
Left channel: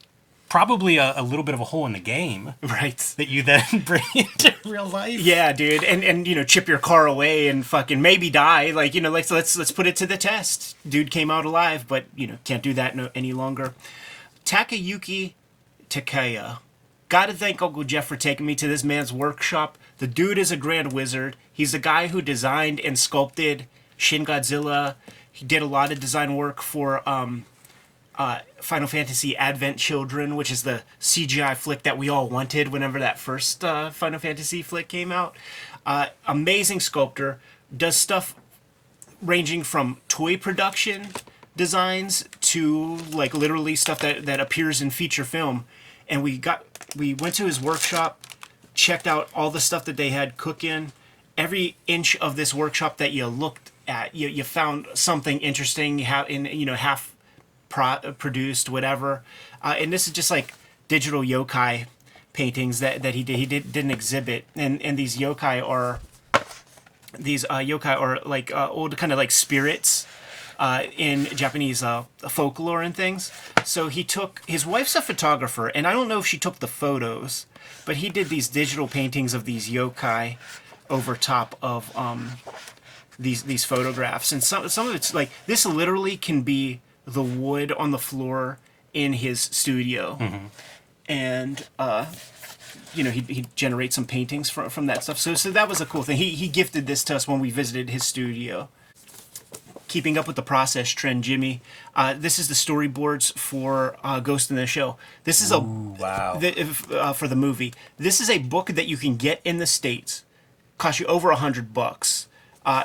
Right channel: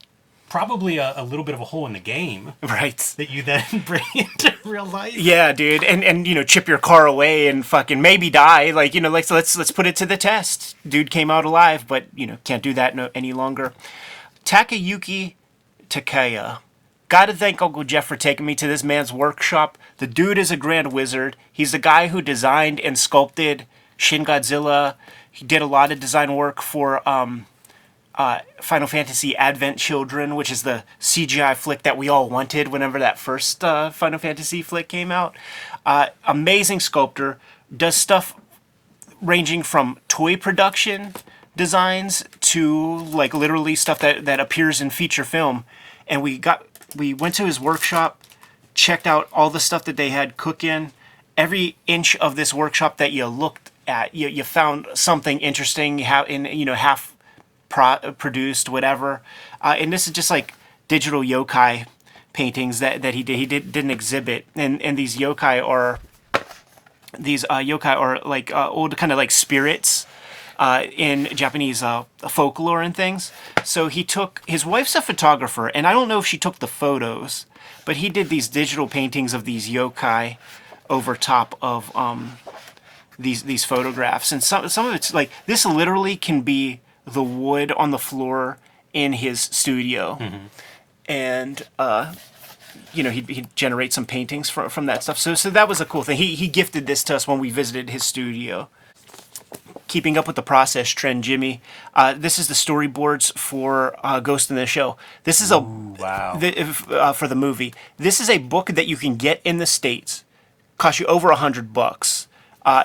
probably a little bit of a hole in the game. Right. That you then bring into real life. Yeah, dude. And chip your car away and fucking maybe die. Like, let's put it to the test. Dude came out alive, but, can't do that any longer. Takayuki Takaya. Gotta thank Uncle Jeff for taking me to this man's workshop. The dude is a grand wizard. He's the guy who designed and sculpted Shin Godzilla. He did a lot of design work for Final Fantasy Advent Children, which is the CGI flick that we all wanted whenever that first Final Fantasy flick came out. Amazing sculptor. Does stuff ranging from toy production designs to like literally stuff that appears in feature film. And we went to his workshop, checked out all the stuff that they had cooking. Every inch of this workshop that you looked at, you found something interesting, half produced, whatever. And this is just like digital yokai paintings that he did. He didn't exhibit. And these yokai are like old kind of like spirits in Japanese folklore and things. So his wife's a photographer, and I don't know if she took the photos, but he did these digital paintings of these yokai over top of these photographs. And some of it's like, this literally can be the wood on the floor in his studio. Mm-hmm. And he generates some paintings from that stuff. So that was a cool thing. He gifted this to us when we visited his studio. Keeping up with the process trend, Jimmy. This is the storyboards for Ghost in the Shell. This is for the movie. This is a book that you can get in the States. Cost you over $100.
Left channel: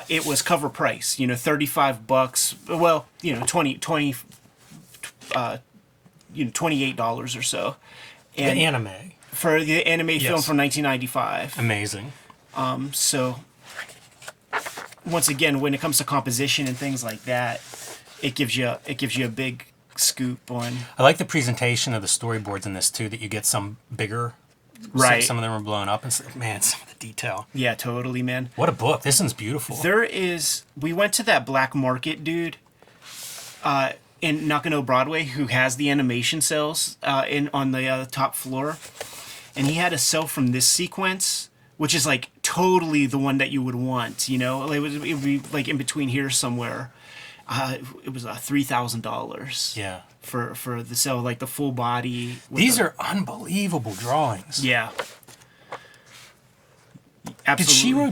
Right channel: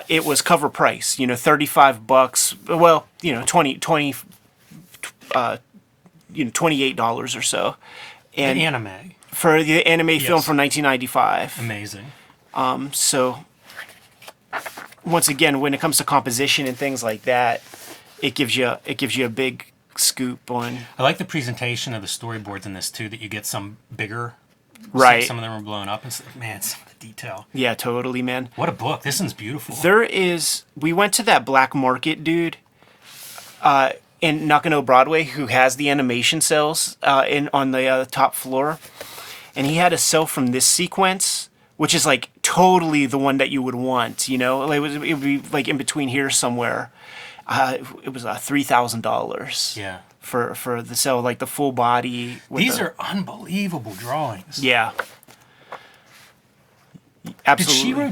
It was cover price, $35. Well, $28 or so. And the anime. For the anime film from 1995. Amazing. So once again, when it comes to composition and things like that, it gives you a big scoop on. I like the presentation of the storyboards in this too. That you get some bigger. Right. Some of them are blown up, and man, some of the detail. Yeah, totally, man. What a book! This one's beautiful. We went to that black market dude in Nakano Broadway who has the animation cells on the top floor, and he had a cell from this sequence, which is like totally the one that you would want. It would be like in between here somewhere. It was $3,000. Yeah. For the cell, like the full body. These are unbelievable drawings. Yeah. Absolutely. Did Shiro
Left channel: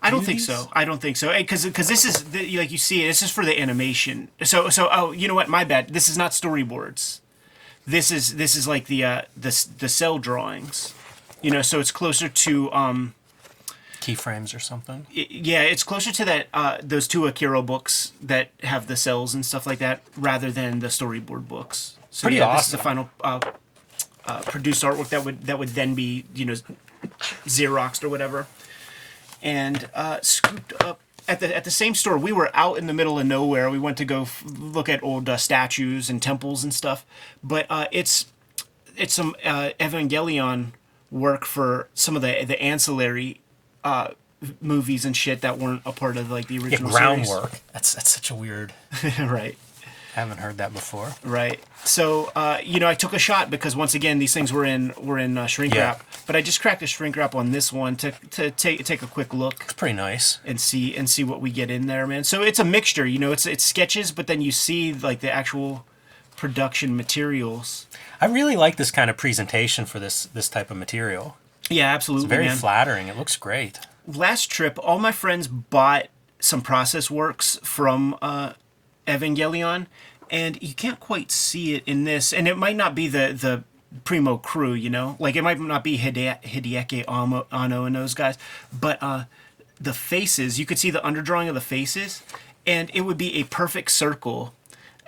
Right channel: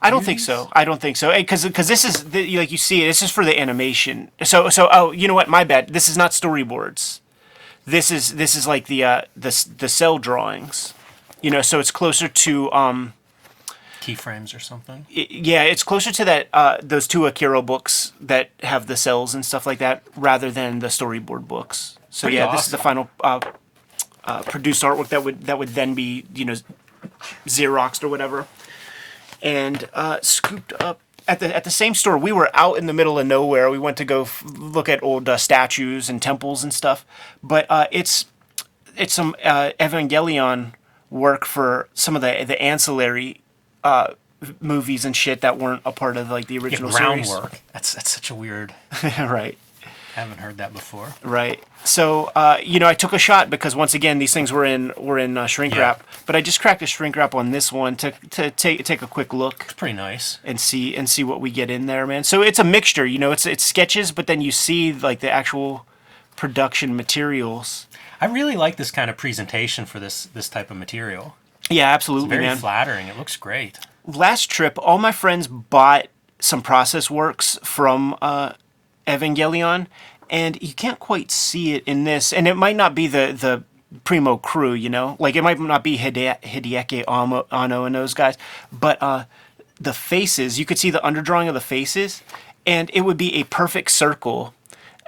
I don't think so. I don't think so. Because this is, like you see, this is for the animation. So you know what? My bad. This is not storyboards. This is like the cell drawings, you know. So it's closer to Keyframes or something. yeah, it's closer to that those two Akira books that have the cells and stuff like that, rather than the storyboard books. So Pretty yeah, awesome. This is the final produced artwork that would then be, you know, Xeroxed or whatever, and scooped up. At the same store, we were out in the middle of nowhere. We went to go look at old statues and temples and stuff. But it's some Evangelion work for some of the ancillary movies and shit that weren't a part of like the original Groundwork. That's such a weird. series. Right. I haven't heard that before. Right. So, you know, I took a shot because once again these things were in shrink Yeah. wrap. But I just cracked a shrink wrap on this one to take a quick look It's pretty nice. and see what we get in there, man. So it's a mixture, you know. It's sketches, but then you see like the actual production materials. I really like this kind of presentation for this type of material. Yeah, absolutely. It's very man. flattering. It looks great. Last trip, all my friends bought some process works from Evangelion, and you can't quite see it in this. And it might not be the primo crew, you know, like it might not be Hideaki Anno and those guys, but the faces, you could see the underdrawing of the faces, and it would be a perfect circle.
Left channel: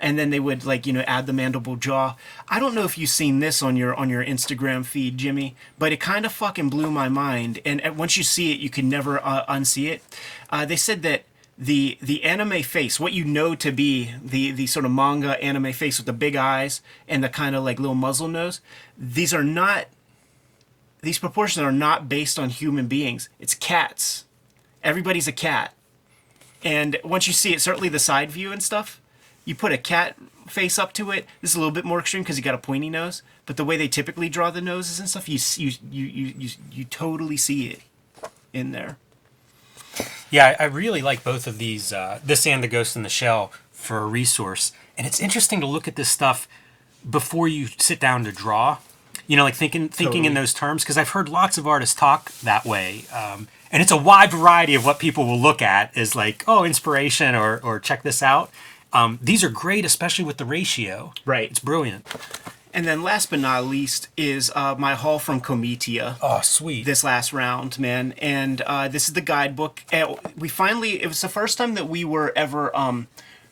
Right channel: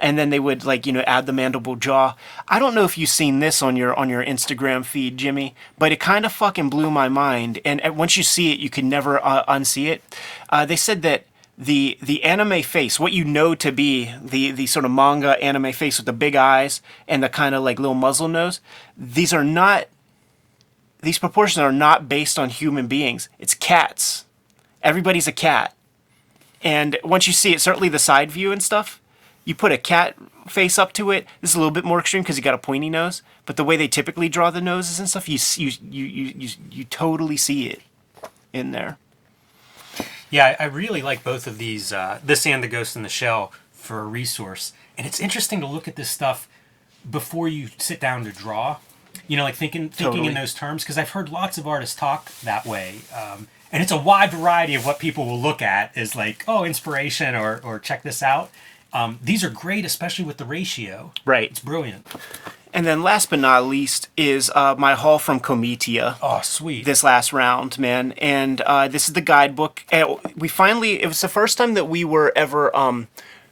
And then they would, like, you know, add the mandible jaw. I don't know if you've seen this on your Instagram feed, Jimmy, but it kind of fucking blew my mind. And once you see it, you can never unsee it. They said that the anime face, what you know to be the sort of manga anime face with the big eyes and the kind of like little muzzle nose, these proportions are not based on human beings. It's cats. Everybody's a cat. And once you see it, certainly the side view and stuff, you put a cat face up to it. This is a little bit more extreme because you got a pointy nose. But the way they typically draw the noses and stuff, you totally see it in there. Yeah, I really like both of these, this and The Ghost in the Shell, for a resource. And it's interesting to look at this stuff before you sit down to draw. You know, like thinking Totally. in those terms, because I've heard lots of artists talk that way. And it's a wide variety of what people will look at is like, oh, inspiration or check this out. These are great, especially with the ratio. Right. It's brilliant. And then last but not least is my haul from Comitia. Oh, sweet. This last round, man. And this is the guidebook. And it was the first time that we were ever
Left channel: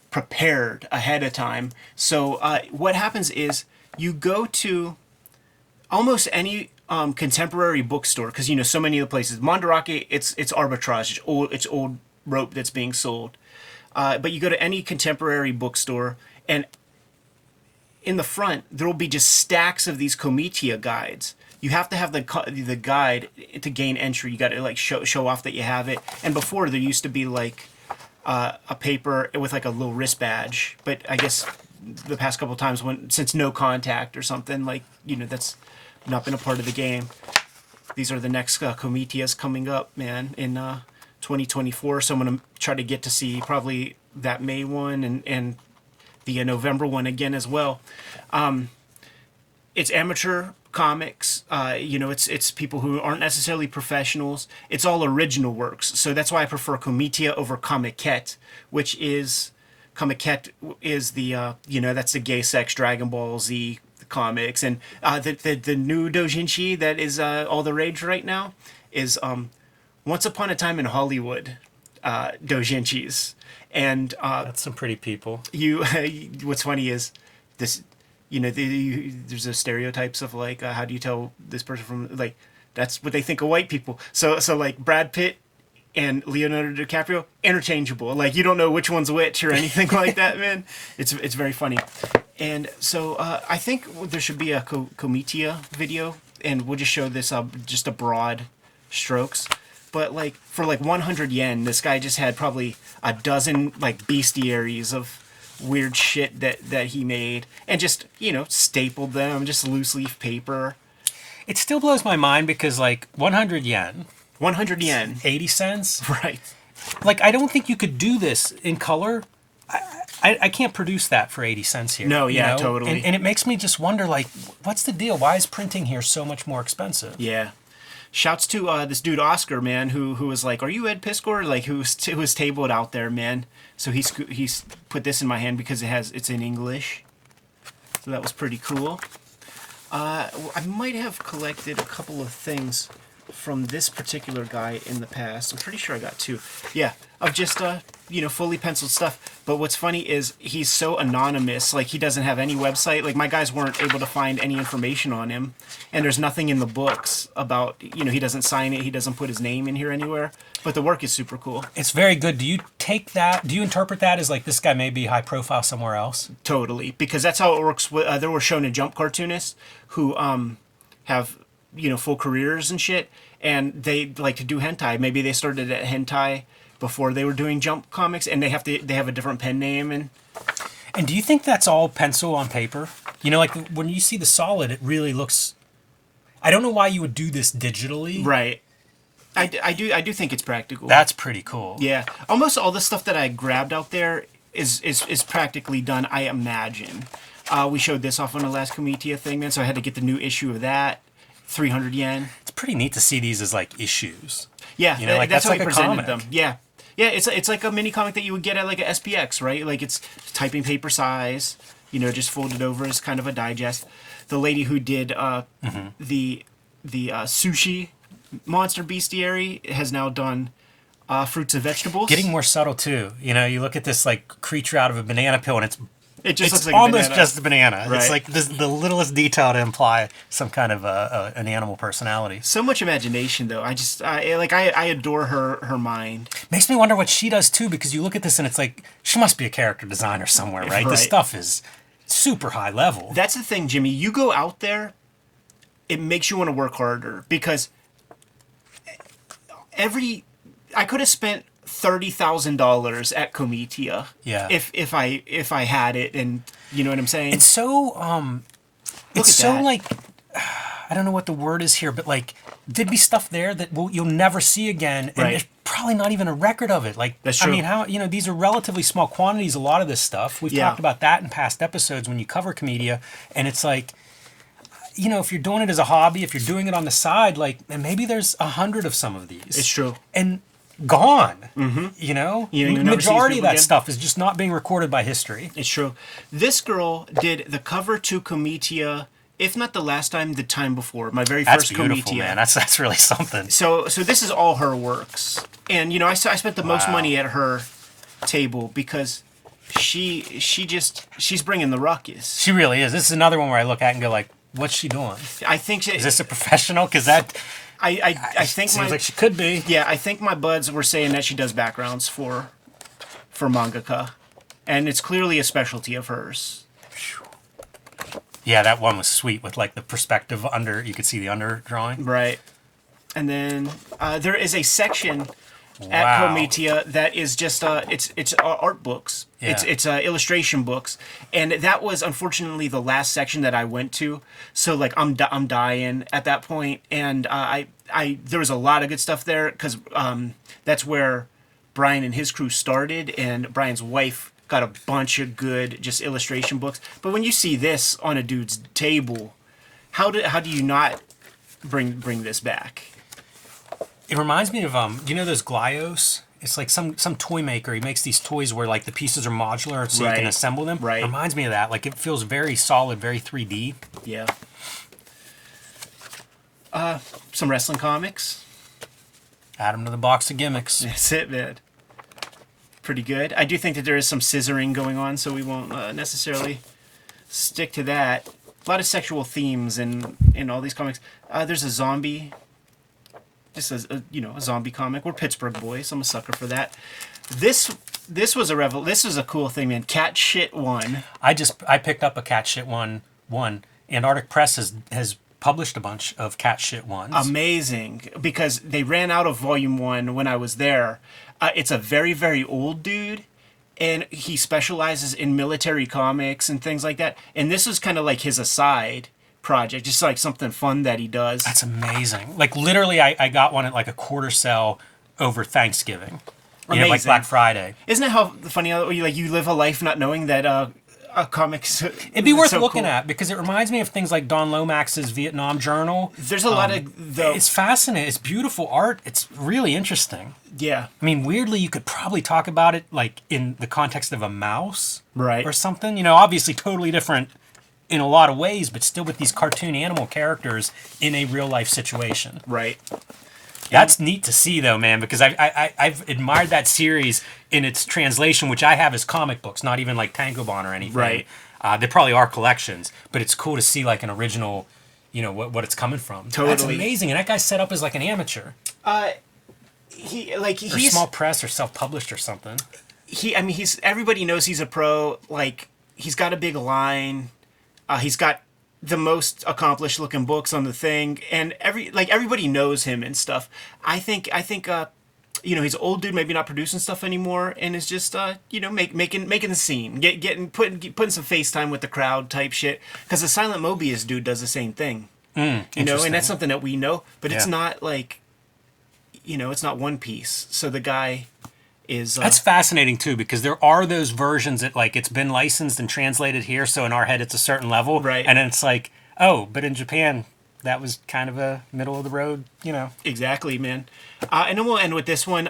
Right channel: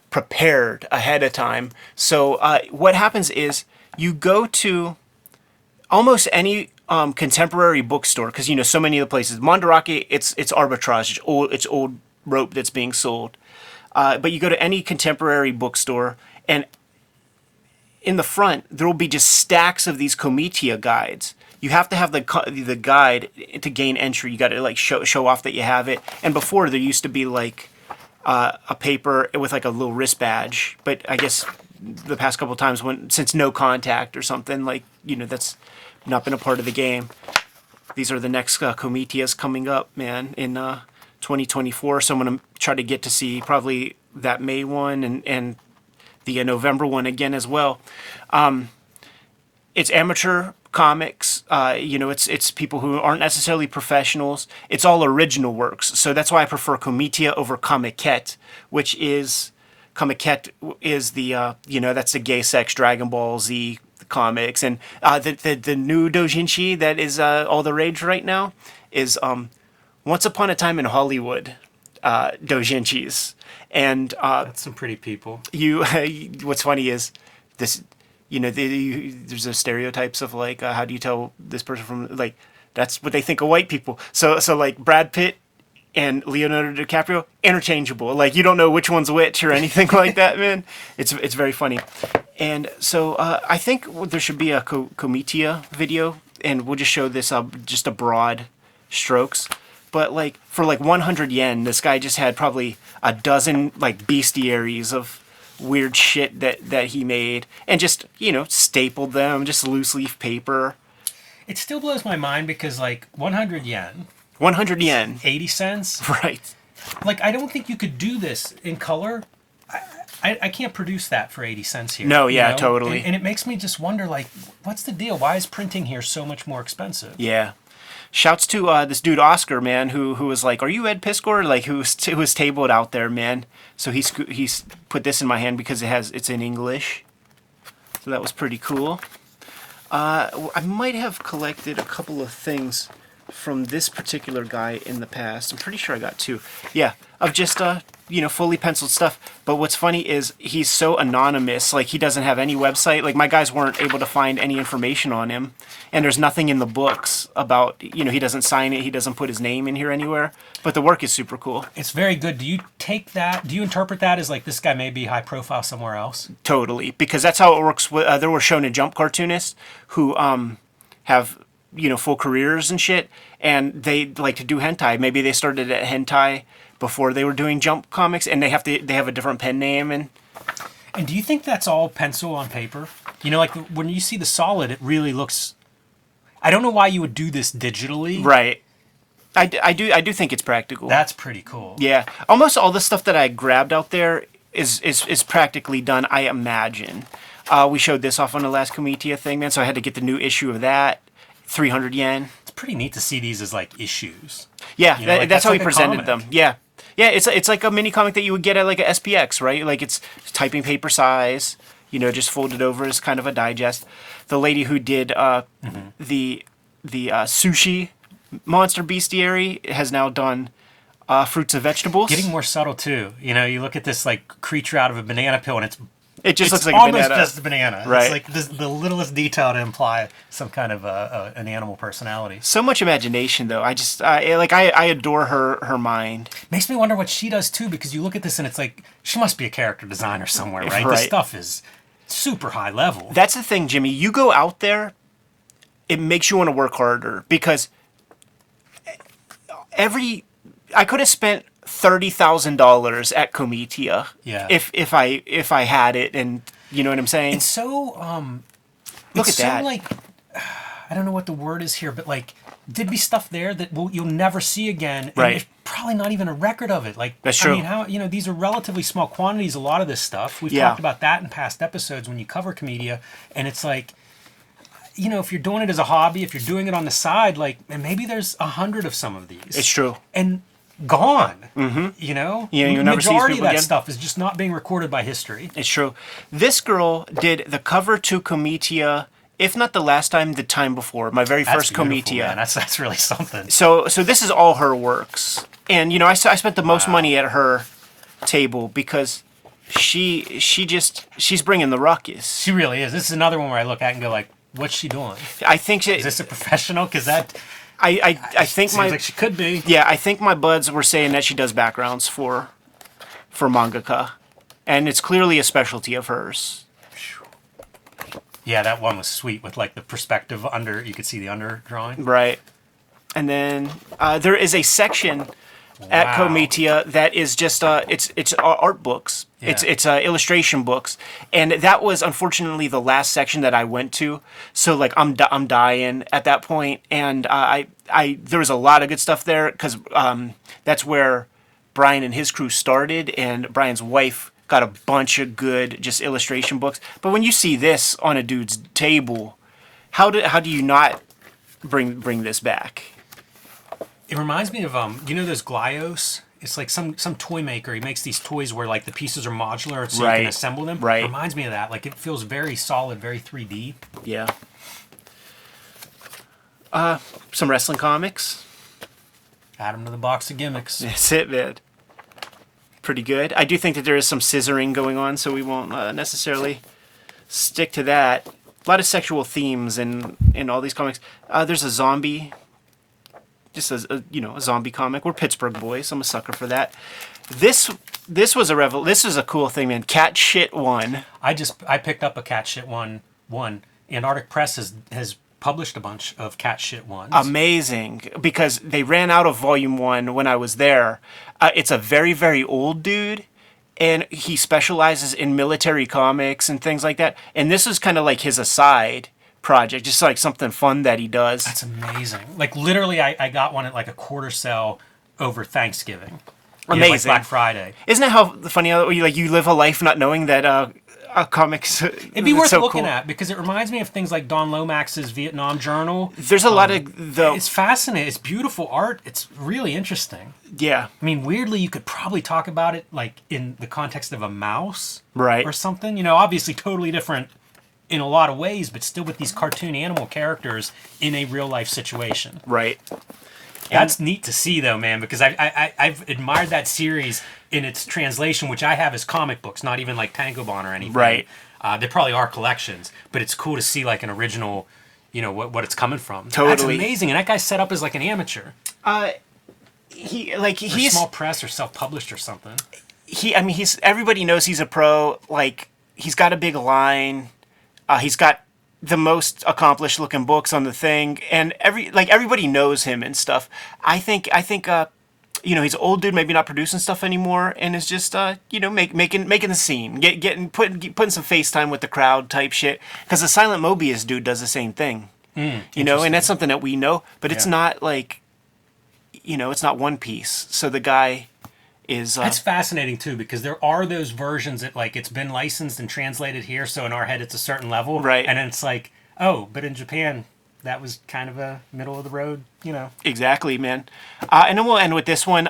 prepared ahead of time. So what happens is you go to almost any contemporary bookstore, because, you know, so many of the places. Mandarake, it's arbitrage. It's old rope that's being sold. But you go to any contemporary bookstore, and in the front, there will be just stacks of these Comitia guides. You have to have the guide to gain entry. You got to like show off that you have it. And before, there used to be like a paper with like a little wrist badge. But I guess the past couple of times, since no contact or something, like, you know, that's not been a part of the game. These are the next Comitias coming up, man, in 2024. So I'm going to try to get to see probably that May one and the November one again as well. It's amateur comics. You know, it's people who aren't necessarily professionals. It's all original works. So that's why I prefer Comitia over Comiket, which is Comiket is the you know, that's the gay sex Dragon Ball Z comics, and the new doujinshi that is all the rage right now is Once Upon a Time in Hollywood doujinshis. And That's some pretty people. what's funny is this, you know, there's those stereotypes of like, how do you tell this person from, like, that's what they think of white people. So like Brad Pitt and Leonardo DiCaprio, interchangeable. Like, you don't know which one's which or anything like that, man. It's very funny. And so I think there should be a Comitia video, and we'll just show this just a broad strokes. But like for like 100 yen, this guy just had probably a dozen like bestiaries of weird shit that he made, and just, you know, stapled them, just loose leaf paper. It still blows my mind because like 100 yen, 100 yen, 80 cents. right? Like, I don't think you could do this in color. I can't produce that for 80 cents here. No, you yeah, know? totally. And it makes me just wonder, like, what's the deal? Why is printing here so much more expensive? Yeah. Shouts to this dude Oscar, man, who was like, "Are you Ed Piscor?" Like, who was tabled out there, man. So he's put this in my hand because it's in English. So that was pretty cool. I might have collected a couple of things from this particular guy in the past. I'm pretty sure I got 2. Yeah, of just, fully penciled stuff. But what's funny is he's so anonymous. Like, he doesn't have any website. Like, my guys weren't able to find any information on him. And there's nothing in the books about, he doesn't sign it. He doesn't put his name in here anywhere. But the work is super cool. It's very good. Do you interpret that as like this guy may be high profile somewhere else? Totally. Because that's how it works. There were Shonen Jump cartoonists who have, full careers and shit. And they like to do hentai. Maybe they started at hentai before they were doing Jump comics, and they have a different pen name. And do you think that's all pencil on paper? Like when you see the solid, it really looks. I don't know why you would do this digitally. Right. I do think it's practical. That's pretty cool. Yeah. Almost all the stuff that I grabbed out there is practically done, I imagine. We showed this off on the last Comitia thing, then, so I had to get the new issue of that. 300 yen. It's pretty neat to see these as like issues. Yeah, that's how like he a presented comic. them. Yeah, it's like a mini comic that you would get at like a SPX, right? Like it's typing paper size, just folded over as kind of a digest. The lady who did the sushi monster bestiary has now done fruits and vegetables. Getting more subtle too. You look at this like creature out of a banana peel, and it's looks like almost just a banana. Right. It's like the littlest detail to imply some kind of an animal personality. So much imagination, though. I adore her mind. Makes me wonder what she does too, because you look at this and it's like she must be a character designer somewhere, right? This stuff is super high level. That's the thing, Jimmy. You go out there, it makes you want to work harder, because I could have spent $30,000 at Comitia. Yeah. If I had it, and you know what I'm saying. It's so like, I don't know what the word is here, but like there'd be stuff there that you'll never see again, and there's probably not even a record of it. Like, that's true. I mean, how these are relatively small quantities. A lot of this stuff we've talked about that in past episodes when you cover Comitia, and it's like. If you're doing it as a hobby, if you're doing it on the side, like, and maybe there's 100 of some of these. It's true. And gone. Yeah, majority of that stuff is just not being recorded by history. It's true. This girl did the cover to Comitia, if not the last time, the time before. My very first Comitia. That's beautiful, man. That's really something. So this is all her works, and I spent the most money at her table because she's bringing the ruckus. She really is. This is another one where I look at and go like, what's she doing? I think is this a professional? Because that. I think seems like she could be. Yeah, I think my buds were saying that she does backgrounds for mangaka, and it's clearly a specialty of hers. Yeah, that one was sweet with like the perspective under. You could see the under drawing. Right, and then there is a section at Comitia that is just it's art books. Yeah. It's illustration books, and that was unfortunately the last section that I went to. So like I'm dying at that point, and I there was a lot of good stuff there because that's where Brian and his crew started, and Brian's wife got a bunch of good just illustration books. But when you see this on a dude's table, how do you not bring this back? It reminds me of those Glyos? It's like some toy maker. He makes these toys where like the pieces are modular so you can assemble them. Right. It reminds me of that. Like it feels very solid, very 3D. Yeah. Some wrestling comics. Add them to the box of gimmicks. That's it, man. Pretty good. I do think that there is some scissoring going on, so we won't necessarily stick to that. A lot of sexual themes in all these comics. There's a zombie. Just a zombie comic. We're Pittsburgh boys. I'm a sucker for that. This was a cool thing, man. Cat Shit One. I picked up a Cat Shit one. Antarctic Press has published a bunch of Cat Shit ones. Amazing, because they ran out of volume 1 when I was there. It's a very, very old dude, and he specializes in military comics and things like that. And this is kind of like his aside project, just like something fun that he does. That's amazing. Like literally, I got one at like a quarter sale over Thanksgiving. Like Black Friday. Isn't it how funny how you live a life not knowing that comics? It'd be worth looking at because it reminds me of things like Don Lomax's Vietnam Journal. There's a lot of it's fascinating. It's beautiful art. It's really interesting. Yeah. I mean, weirdly, you could probably talk about it like in the context of a mouse, right, or something. Obviously, totally different in a lot of ways, but still with these cartoon animal characters in a real life situation. Right. That's neat to see, though, man, because I've admired that series in its translation, which I have as comic books, not even like Tankobon or anything. Right. They probably are collections, but it's cool to see like an original, you know, what it's coming from. Totally. That's amazing, and that guy's set up as like an amateur. Or Or small press or self-published or something. Everybody knows he's a pro. Like, he's got a big line. He's got the most accomplished looking books on the thing, and everybody knows him and stuff. I think you know, he's an old dude, maybe not producing stuff anymore, and is just you know, making the scene, putting some FaceTime with the crowd type shit. Because the Silent Mobius dude does the same thing. You know, and that's something that we know, but it's not like, you know, it's not One Piece. So the guy is that's fascinating too, because there are those versions that like it's been licensed and translated here, so in our head it's a certain level, right? And then it's like, oh, but in Japan that was kind of a middle of the road, you know. Exactly, man. And then we'll end with this one.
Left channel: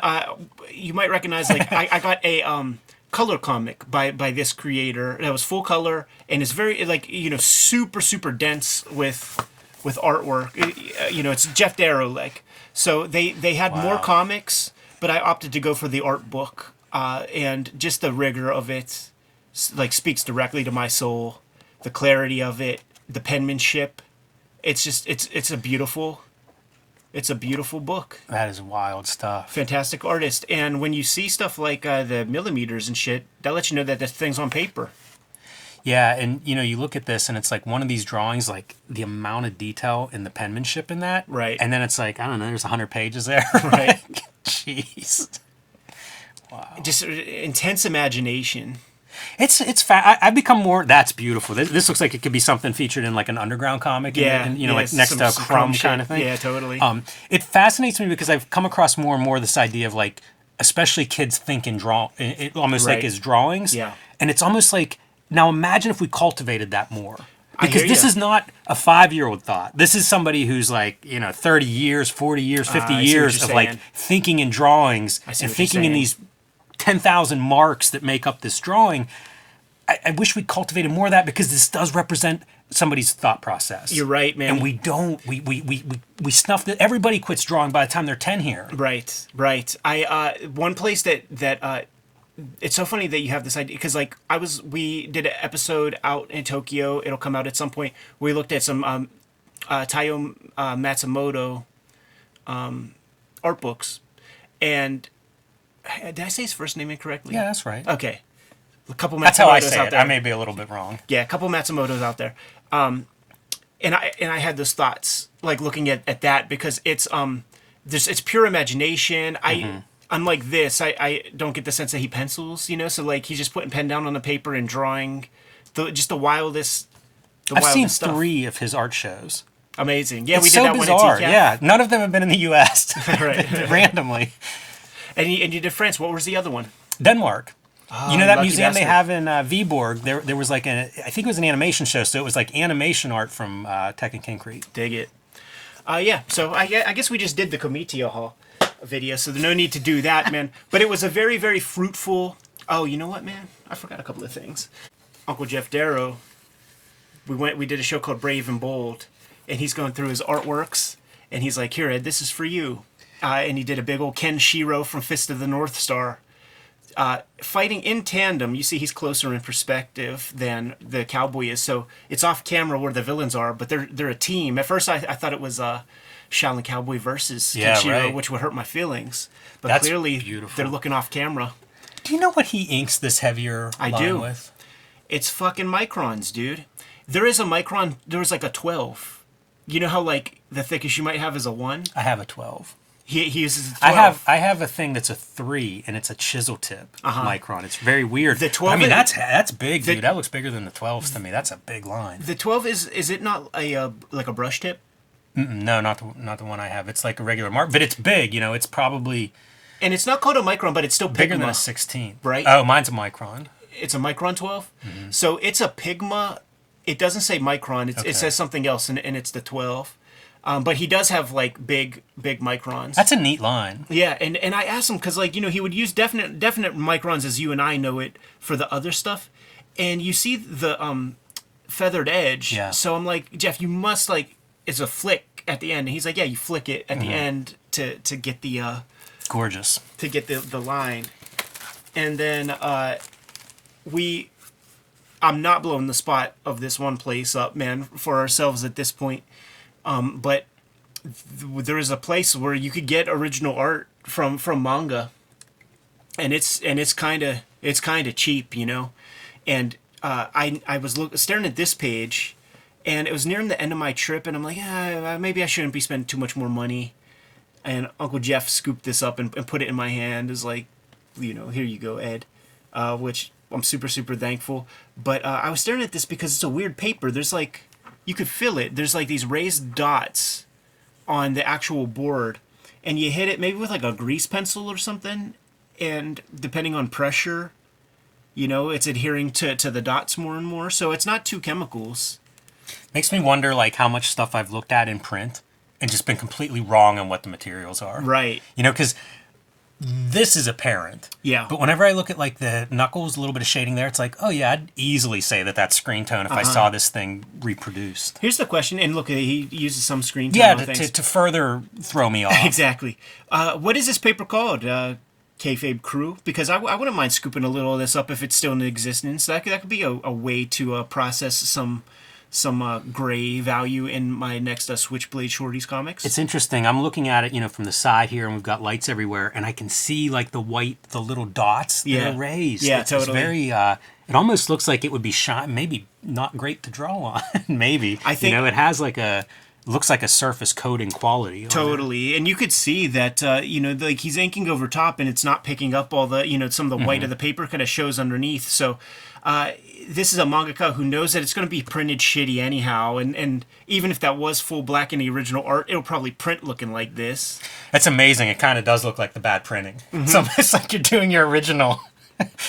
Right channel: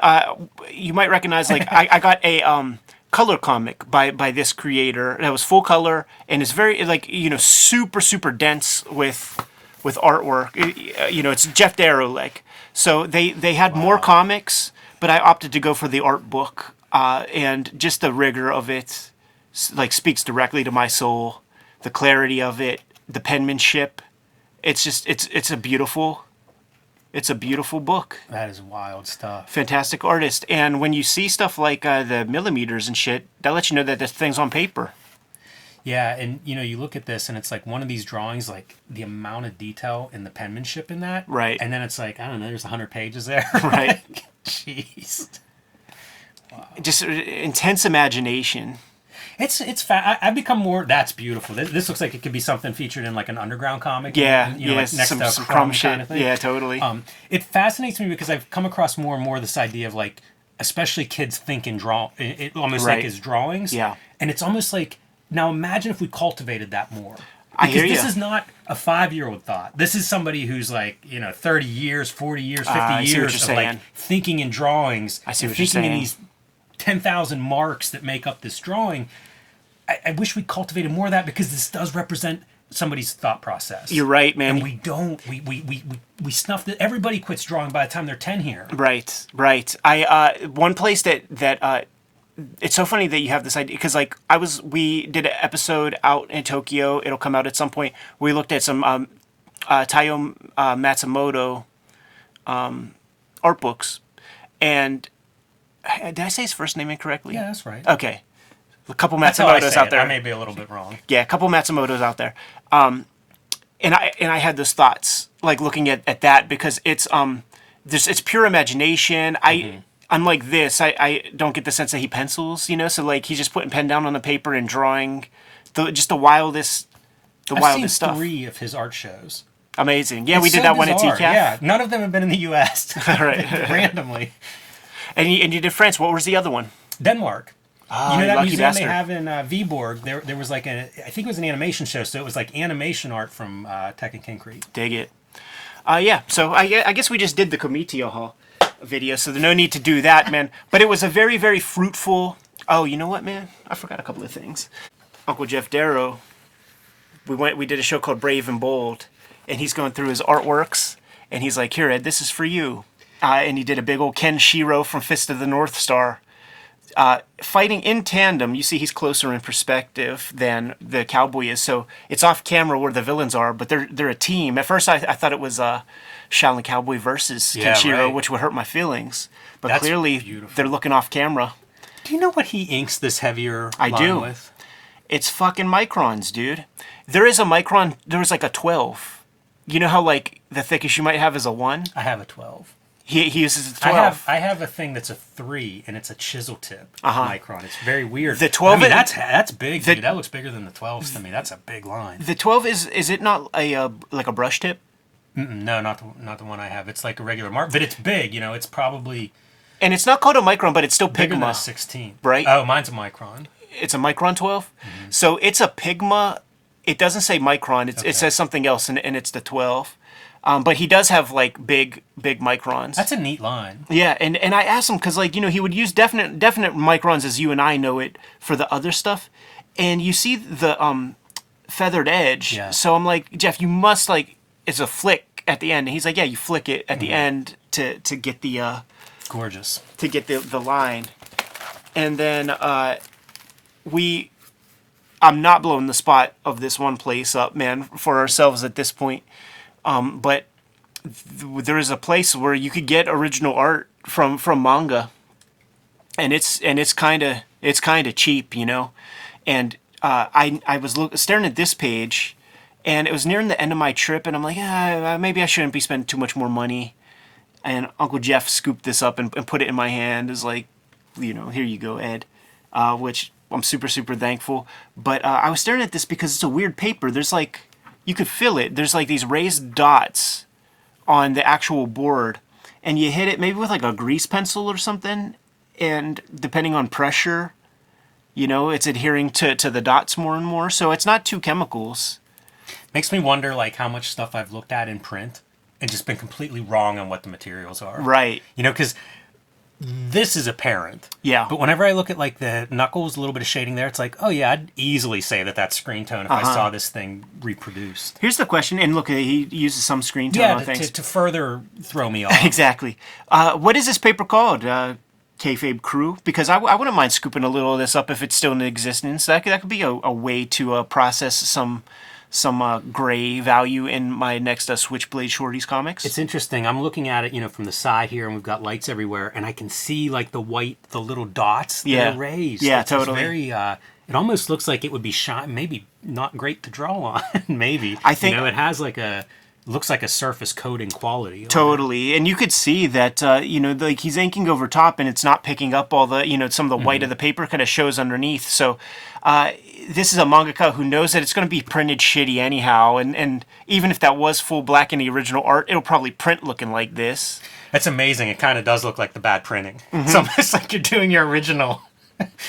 You might recognize, like, I got a color comic by this creator that was full color and is very, like, you know, super dense with artwork. You know, it's Jeff Darrow, like. So they had more comics, but I opted to go for the art book, and just the rigor of it, like, speaks directly to my soul. The clarity of it, the penmanship. It's just it's a beautiful book. That is wild stuff. Fantastic artist, and when you see stuff like the millimeters and shit, that lets you know that this thing's on paper. Yeah, and you know, you look at this and it's like one of these drawings, like the amount of detail in the penmanship in that. Right. And then it's like, I don't know, there's 100 pages there. Right. Jeez. Wow. Just intense imagination. I've become more. That's beautiful. This looks like it could be something featured in like an underground comic. And you know, like next to a Crumb kind of thing. Yeah, totally. It fascinates me because I've come across more and more this idea of like, especially kids think in it almost like as drawings. Yeah. And it's almost like, now imagine if we cultivated that more. Because this you. is not a 5-year-old thought. This is somebody who's like, you know, 30 years, 40 years, 50 years of like thinking in drawings and thinking in these 10,000 marks that make up this drawing. I wish we cultivated more of that, because this does represent somebody's thought process. You're right, man. And we don't. We snuff it. Everybody quits drawing by the time they're 10 here. Right. One place that it's so funny that you have this idea, because like we did an episode out in Tokyo. It'll come out at some point. We looked at some Taiyo Matsumoto art books, and did I say his first name incorrectly? Yeah, that's right. Okay. A couple Matsumotos That's how I say out it. there. I may be a little bit wrong. Yeah, a couple Matsumotos out there. And I had those thoughts, like looking at that, because it's pure imagination. Unlike this, I don't get the sense that he pencils, you know. So like he's just putting pen down on the paper and drawing, the wildest. I've seen stuff. 3 of his art shows. Amazing. Yeah, It's we did so that bizarre. one at TCAF. Yeah, none of them have been in the U.S. Right. randomly. And you did France. What was the other one? Denmark. You know that lucky museum they bastard. have in Viborg? There was like I think it was an animation show, so it was like animation art from Tekken King Creek. Dig it. Yeah, so I guess we just did the Komitio Hall video, so there's no need to do that, man. But it was a very, very fruitful... Oh, you know what, man? I forgot a couple of things. Uncle Jeff Darrow, we did a show called Brave and Bold, and he's going through his artworks, and he's like, here, Ed, this is for you. And he did a big old Ken Shiro from Fist of the North Star. Fighting in tandem, you see he's closer in perspective than the cowboy is, so it's off camera where the villains are, but they're a team. At first, I thought it was Shaolin Cowboy versus Kenshiro, right. which would hurt my feelings. But That's clearly, beautiful. they're looking off camera. Do you know what he inks this heavier line with? It's fucking microns, dude. There is a micron. There was like a 12. You know how like the thickest you might have is a 1? I have a 12. He uses a 12. I have a thing that's a 3, and it's a chisel tip micron. It's very weird. The 12 I mean, that's big, dude. That looks bigger than the 12s to me. That's a big line. The 12 is it not a like a brush tip? No, not the one I have. It's like a regular mark, but it's big. You know, it's probably And it's not called a micron, but it's still bigger Pigma. than a 16. Right? Oh, mine's a micron. It's a micron 12. So it's a Pigma. It doesn't say micron. It says something else, and it's the 12. But he does have like big microns. That's a neat line. Yeah, and I asked him because like, you know, he would use definite microns as you and I know it for the other stuff, and you see the feathered edge. Yeah. So I'm like, Jeff, you must like, it's a flick at the end. And he's like, yeah, you flick it at the end to get the Gorgeous. to get the line. And then I'm not blowing the spot of this one place up, man, for ourselves at this point. But there is a place where you could get original art from manga, and it's kind of cheap, you know. And I was staring at this page, and it was nearing the end of my trip, and I'm like, maybe I shouldn't be spending too much more money. And Uncle Jeff scooped this up and put it in my hand. Is like, you know, here you go, Ed, which I'm super, super thankful. But I was staring at this because it's a weird paper. There's like, you could feel it. There's like these raised dots on the actual board. And you hit it maybe with like a grease pencil or something. And depending on pressure, you know, it's adhering to the dots more and more. So it's not two chemicals. Makes me wonder, like, how much stuff I've looked at in print and just been completely wrong on what the materials are. Right. You know, because this is apparent. Yeah. But whenever I look at like the knuckles, a little bit of shading there, it's like, oh yeah, I'd easily say that that's screen tone if I saw this thing reproduced. Here's the question, and look, he uses some screen tone. Yeah, on things. to further throw me off. Exactly. What is this paper called? Kayfabe Crew? Because I wouldn't mind scooping a little of this up if it's still in existence. That could be a way to process some gray value in my next Switchblade Shorties comics. It's interesting. I'm looking at it, you know, from the side here, and we've got lights everywhere, and I can see like the little dots that are raised. Yeah, it's totally. Very. It almost looks like it would be shine. Maybe not great to draw on. Maybe. I think, you know, it has like looks like a surface coating quality. Totally. And you could see that, you know, like he's inking over top and it's not picking up all the, you know, some of the white of the paper kind of shows underneath. So this is a mangaka who knows that it's going to be printed shitty anyhow. And even if that was full black in the original art, it'll probably print looking like this. That's amazing. It kind of does look like the bad printing. It's almost like you're doing your original.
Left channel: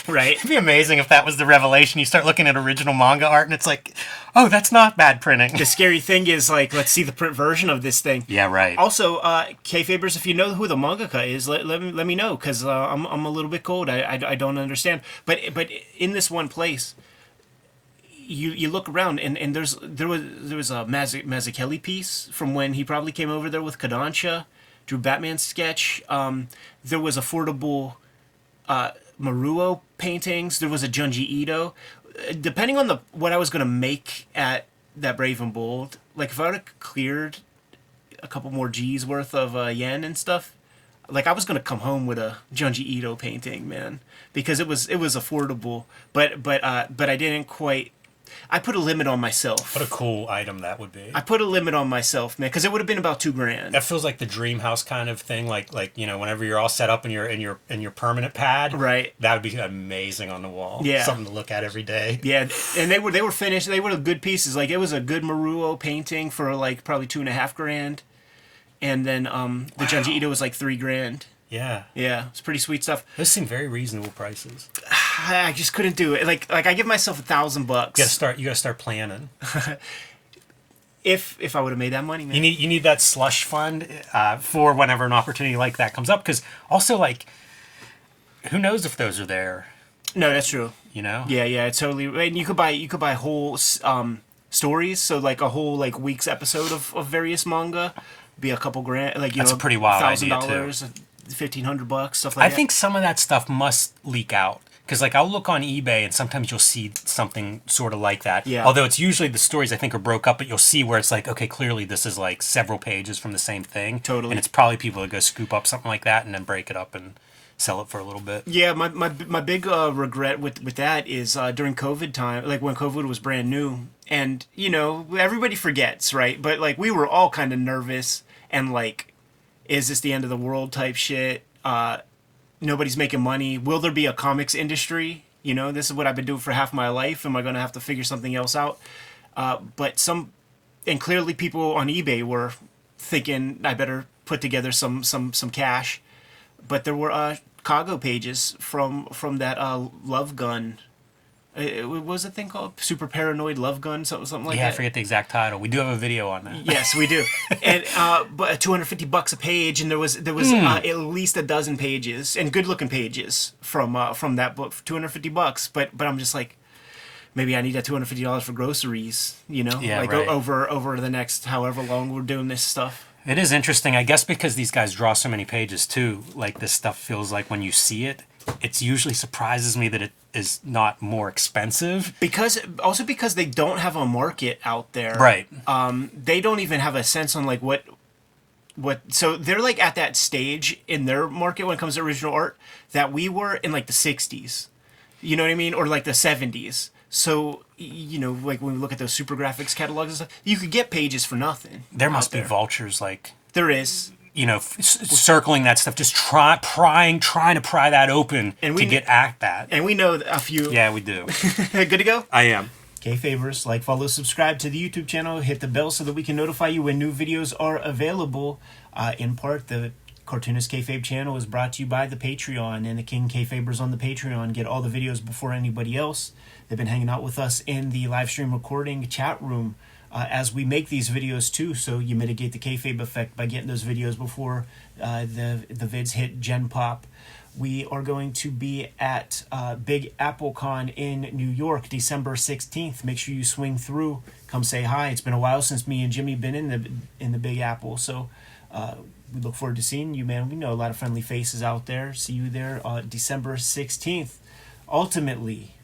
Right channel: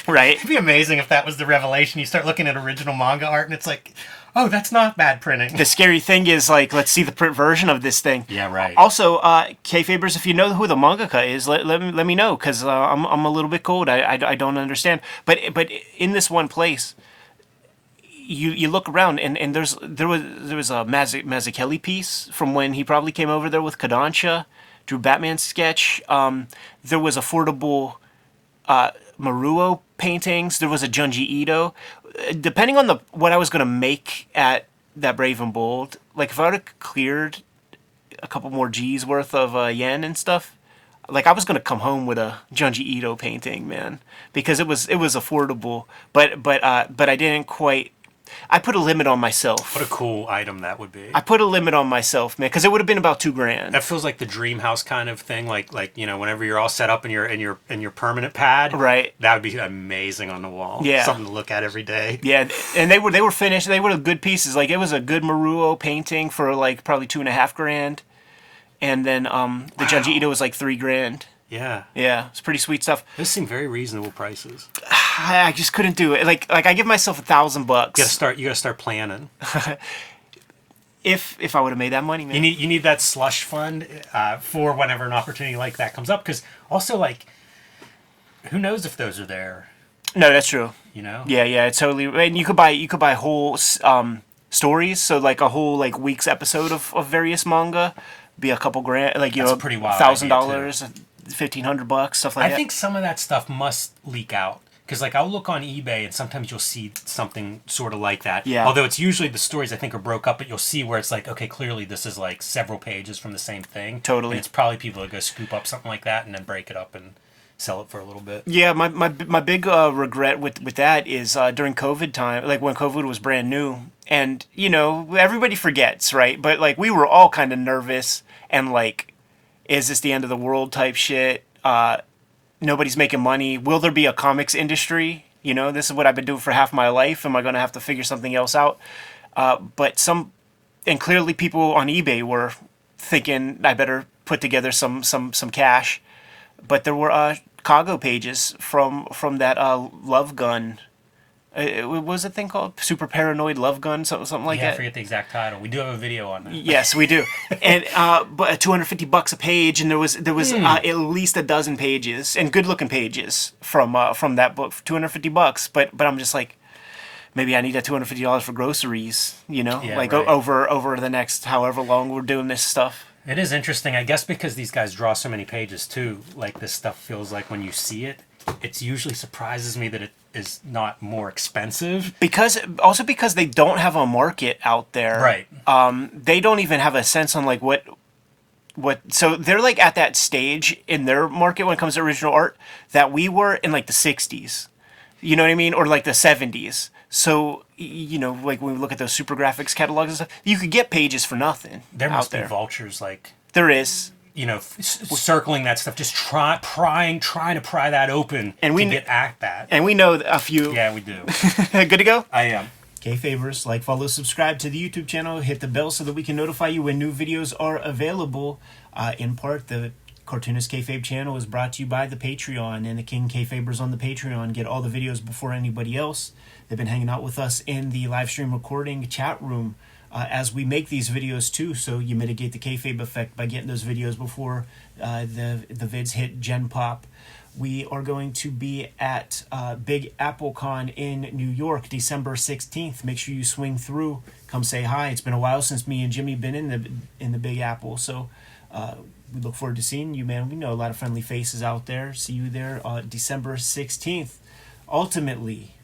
Right. It'd be amazing if that was the revelation. You start looking at original manga art and it's like, oh, that's not bad printing. The scary thing is, like, let's see the print version of this thing. Yeah, right. Also, Kayfabers, if you know who the mangaka is, let me know, because I'm a little bit cold. I don't understand. But in this one place, you look around and there was a Mazzucchelli piece from when he probably came over there with Kodansha, drew Batman sketch. There was affordable Maruo paintings. There was a Junji Ito. Depending on what I was going to make at that Brave and Bold, like if I would have cleared a couple more G's worth of yen and stuff, like I was going to come home with a Junji Ito painting, man, because it was affordable. But I didn't quite. I put a limit on myself. What a cool item that would be. I put a limit on myself, man, because it would have been about $2,000. That feels like the dream house kind of thing. Like you know, whenever you're all set up in your permanent pad, right? That would be amazing on the wall. Yeah, something to look at every day. Yeah, and they were finished. They were good pieces. Like it was a good Maruo painting for like probably $2,500, and then the Junji Ito was like $3,000. Yeah. Yeah, it's pretty sweet stuff. Those seem very reasonable prices. I just couldn't do it. Like I give myself $1,000. You gotta start planning. If I would have made that money, man. You need that slush fund for whenever an opportunity like that comes up. Because also, like, who knows if those are there? No, that's true. You know? Yeah, it's totally. And you could buy whole stories. So like a whole like week's episode of various manga, be a couple grand. Like that's a pretty wild idea too. $1,500, stuff like that. I think some of that stuff must leak out. Because, like, I'll look on eBay and sometimes you'll see something sort of like that. Yeah. Although it's usually the stories, I think, are broke up, but you'll see where it's like, okay, clearly this is, like, several pages from the same thing. Totally. And it's probably people that go scoop up something like that and then break it up and sell it for a little bit. Yeah, my big regret with that is during COVID time, like when COVID was brand new. And, you know, everybody forgets, right? But, like, we were all kind of nervous and, like, is this the end of the world type shit? Nobody's making money. Will there be a comics industry? You know, this is what I've been doing for half my life. Am I going to have to figure something else out? And clearly people on eBay were thinking I better put together some cash. But there were cargo pages from that Love Gun. What was the thing called? Super Paranoid Love Gun, something like that. Yeah, I forget the exact title. We do have a video on that. Yes, we do. And but $250 a page, and there was at least a dozen pages and good looking pages from that book, $250. But I'm just like, maybe I need that $250 for groceries, Yeah, like right. over the next however long we're doing this stuff. It is interesting, I guess, because these guys draw so many pages too. Like, this stuff feels like when you see it, it usually surprises me that it is not more expensive. Because they don't have a market out there. Right. They don't even have a sense on like what. So they're like at that stage in their market when it comes to original art that we were in like the 60s. You know what I mean? Or like the 70s. So, like when we look at those super graphics catalogs and stuff, you could get pages for nothing. There must be vultures, like, There is. circling that stuff, just trying to pry that open to get at that. And we know a few. Yeah, we do. Good to go? I am. Kayfabers, like, follow, subscribe to the YouTube channel, hit the bell so that we can notify you when new videos are available. In part, the Cartoonist Kayfabe channel is brought to you by the Patreon, and the King Kayfabers on the Patreon get all the videos before anybody else. They've been hanging out with us in the live stream recording chat room as we make these videos too, so you mitigate the kayfabe effect by getting those videos before the vids hit Gen Pop. We are going to be at Big Apple Con in New York, December 16th. Make sure you swing through. Come say hi. It's been a while since me and Jimmy been in the Big Apple, so we look forward to seeing you, man. We know a lot of friendly faces out there. See you there December 16th. Ultimately,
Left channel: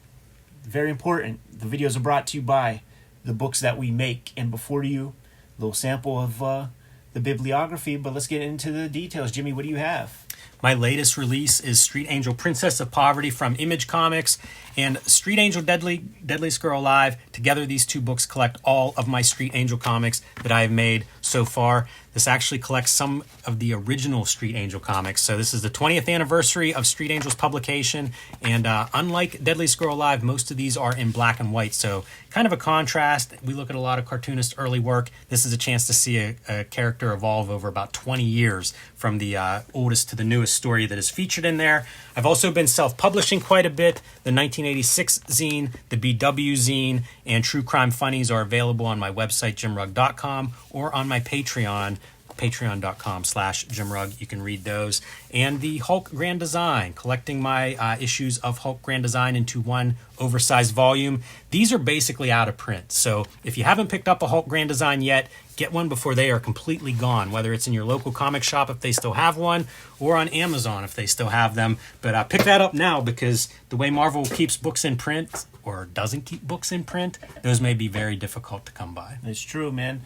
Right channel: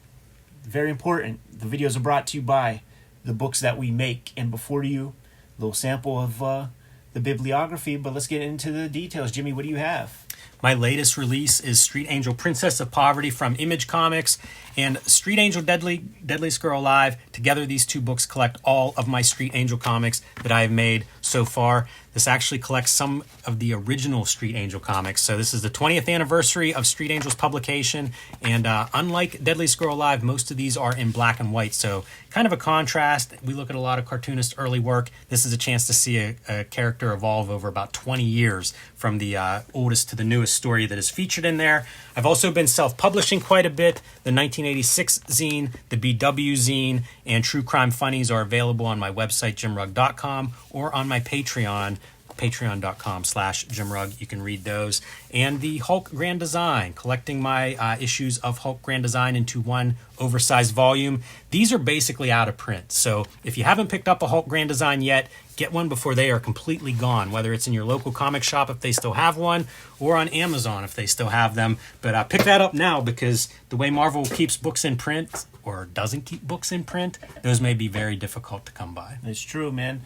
very important, the videos are brought to you by the books that we make. And before you, a little sample of the bibliography, but let's get into the details. Jimmy, what do you have? My latest release is Street Angel Princess of Poverty from Image Comics and Street Angel Deadliest Girl Alive. Together, these two books collect all of my Street Angel comics that I have made so far. This actually collects some of the original Street Angel comics. So this is the 20th anniversary of Street Angel's publication. And unlike Deadliest Girl Alive, most of these are in black and white. So kind of a contrast. We look at a lot of Cartoonist early work. This is a chance to see a character evolve over about 20 years from the oldest to the newest story that is featured in there. I've also been self-publishing quite a bit. The 1986 zine, the BW zine, and True Crime Funnies are available on my website, jimrugg.com, or on my Patreon, patreon.com/jimrugg. You can read those. And the Hulk Grand Design, collecting my issues of Hulk Grand Design into one oversized volume. These are basically out of print. So if you haven't picked up a Hulk Grand Design yet, get one before they are completely gone, whether it's in your local comic shop if they still have one, or on Amazon if they still have them. But pick that up now, because the way Marvel keeps books in print, or doesn't keep books in print, those may be very difficult to come by. It's true, man.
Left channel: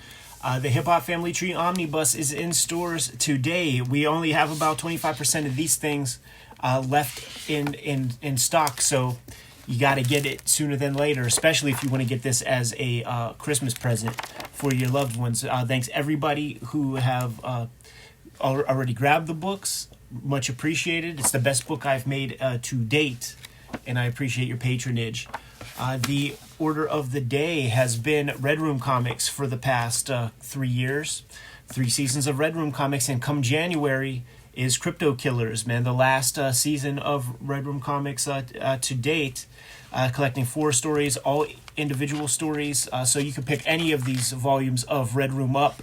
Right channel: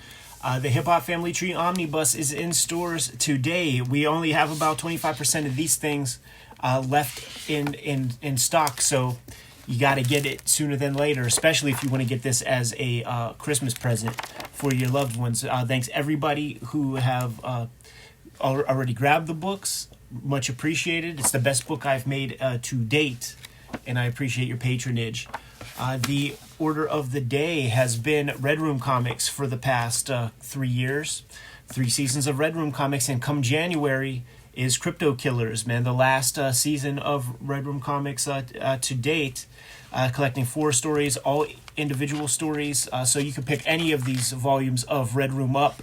The Hip Hop Family Tree Omnibus is in stores today. We only have about 25% of these things left in stock, so you got to get it sooner than later, especially if you want to get this as a Christmas present for your loved ones. Thanks everybody who have already grabbed the books. Much appreciated. It's the best book I've made to date, and I appreciate your patronage. The order of the day has been Red Room Comics for the past 3 years. 3 seasons of Red Room Comics, and come January is Crypto Killers, man. The last season of Red Room Comics to date, collecting 4 stories, all individual stories. So you can pick any of these volumes of Red Room up,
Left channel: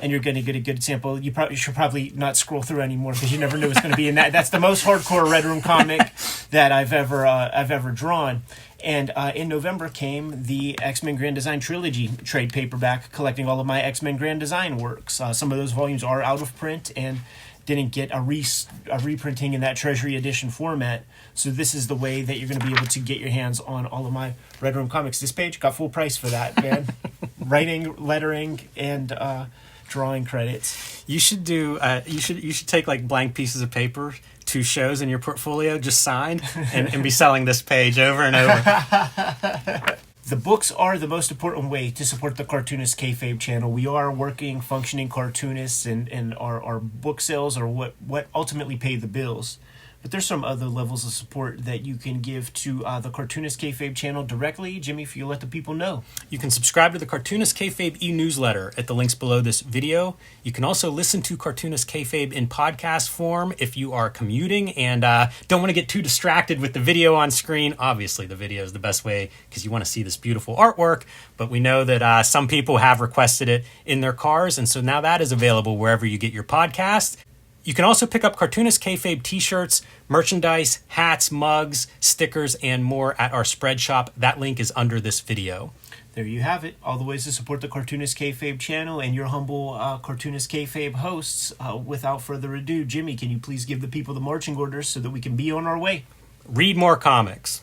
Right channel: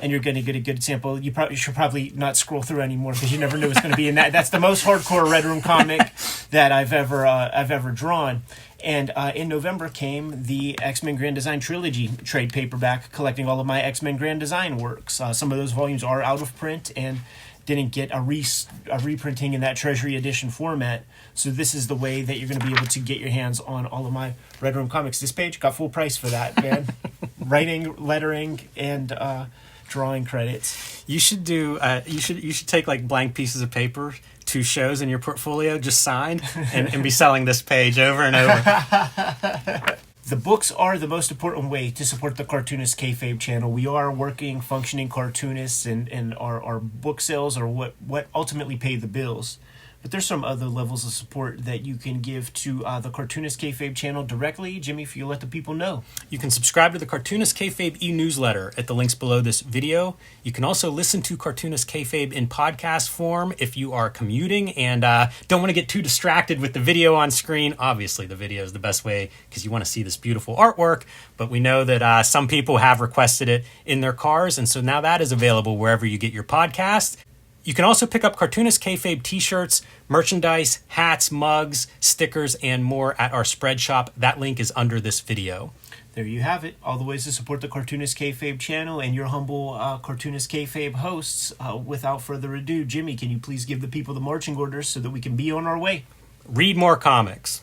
and you're going to get a good sample. You should probably not scroll through anymore, because you never know what's going to be in that. That's the most hardcore Red Room comic that I've ever drawn. And in November came the X-Men Grand Design Trilogy trade paperback, collecting all of my X-Men Grand Design works. Some of those volumes are out of print and didn't get a reprinting in that Treasury Edition format. So this is the way that you're going to be able to get your hands on all of my Red Room comics. This page got full price for that, man. Writing, lettering, and drawing credits. You should do. You should take like blank pieces of paper to shows in your portfolio, just signed, and be selling this page over and over. The books are the most important way to support the Cartoonist Kayfabe channel. We are working, functioning cartoonists, and our book sales are what ultimately pay the bills. But there's some other levels of support that you can give to the Cartoonist Kayfabe channel directly. Jimmy, if you let the people know. You can subscribe to the Cartoonist Kayfabe e-newsletter at the links below this video. You can also listen to Cartoonist Kayfabe in podcast form if you are commuting and don't want to get too distracted with the video on screen. Obviously, the video is the best way because you want to see this beautiful artwork, but we know that some people have requested it in their cars, and so now that is available wherever you get your podcast. You can also pick up Cartoonist Kayfabe t-shirts, merchandise, hats, mugs, stickers, and more at our spread shop. That link is under this video. There you have it. All the ways to support the Cartoonist Kayfabe channel and your humble Cartoonist Kayfabe hosts. Without further ado, Jimmy, can you please give the people the marching orders so that we can be on our way? Read more comics.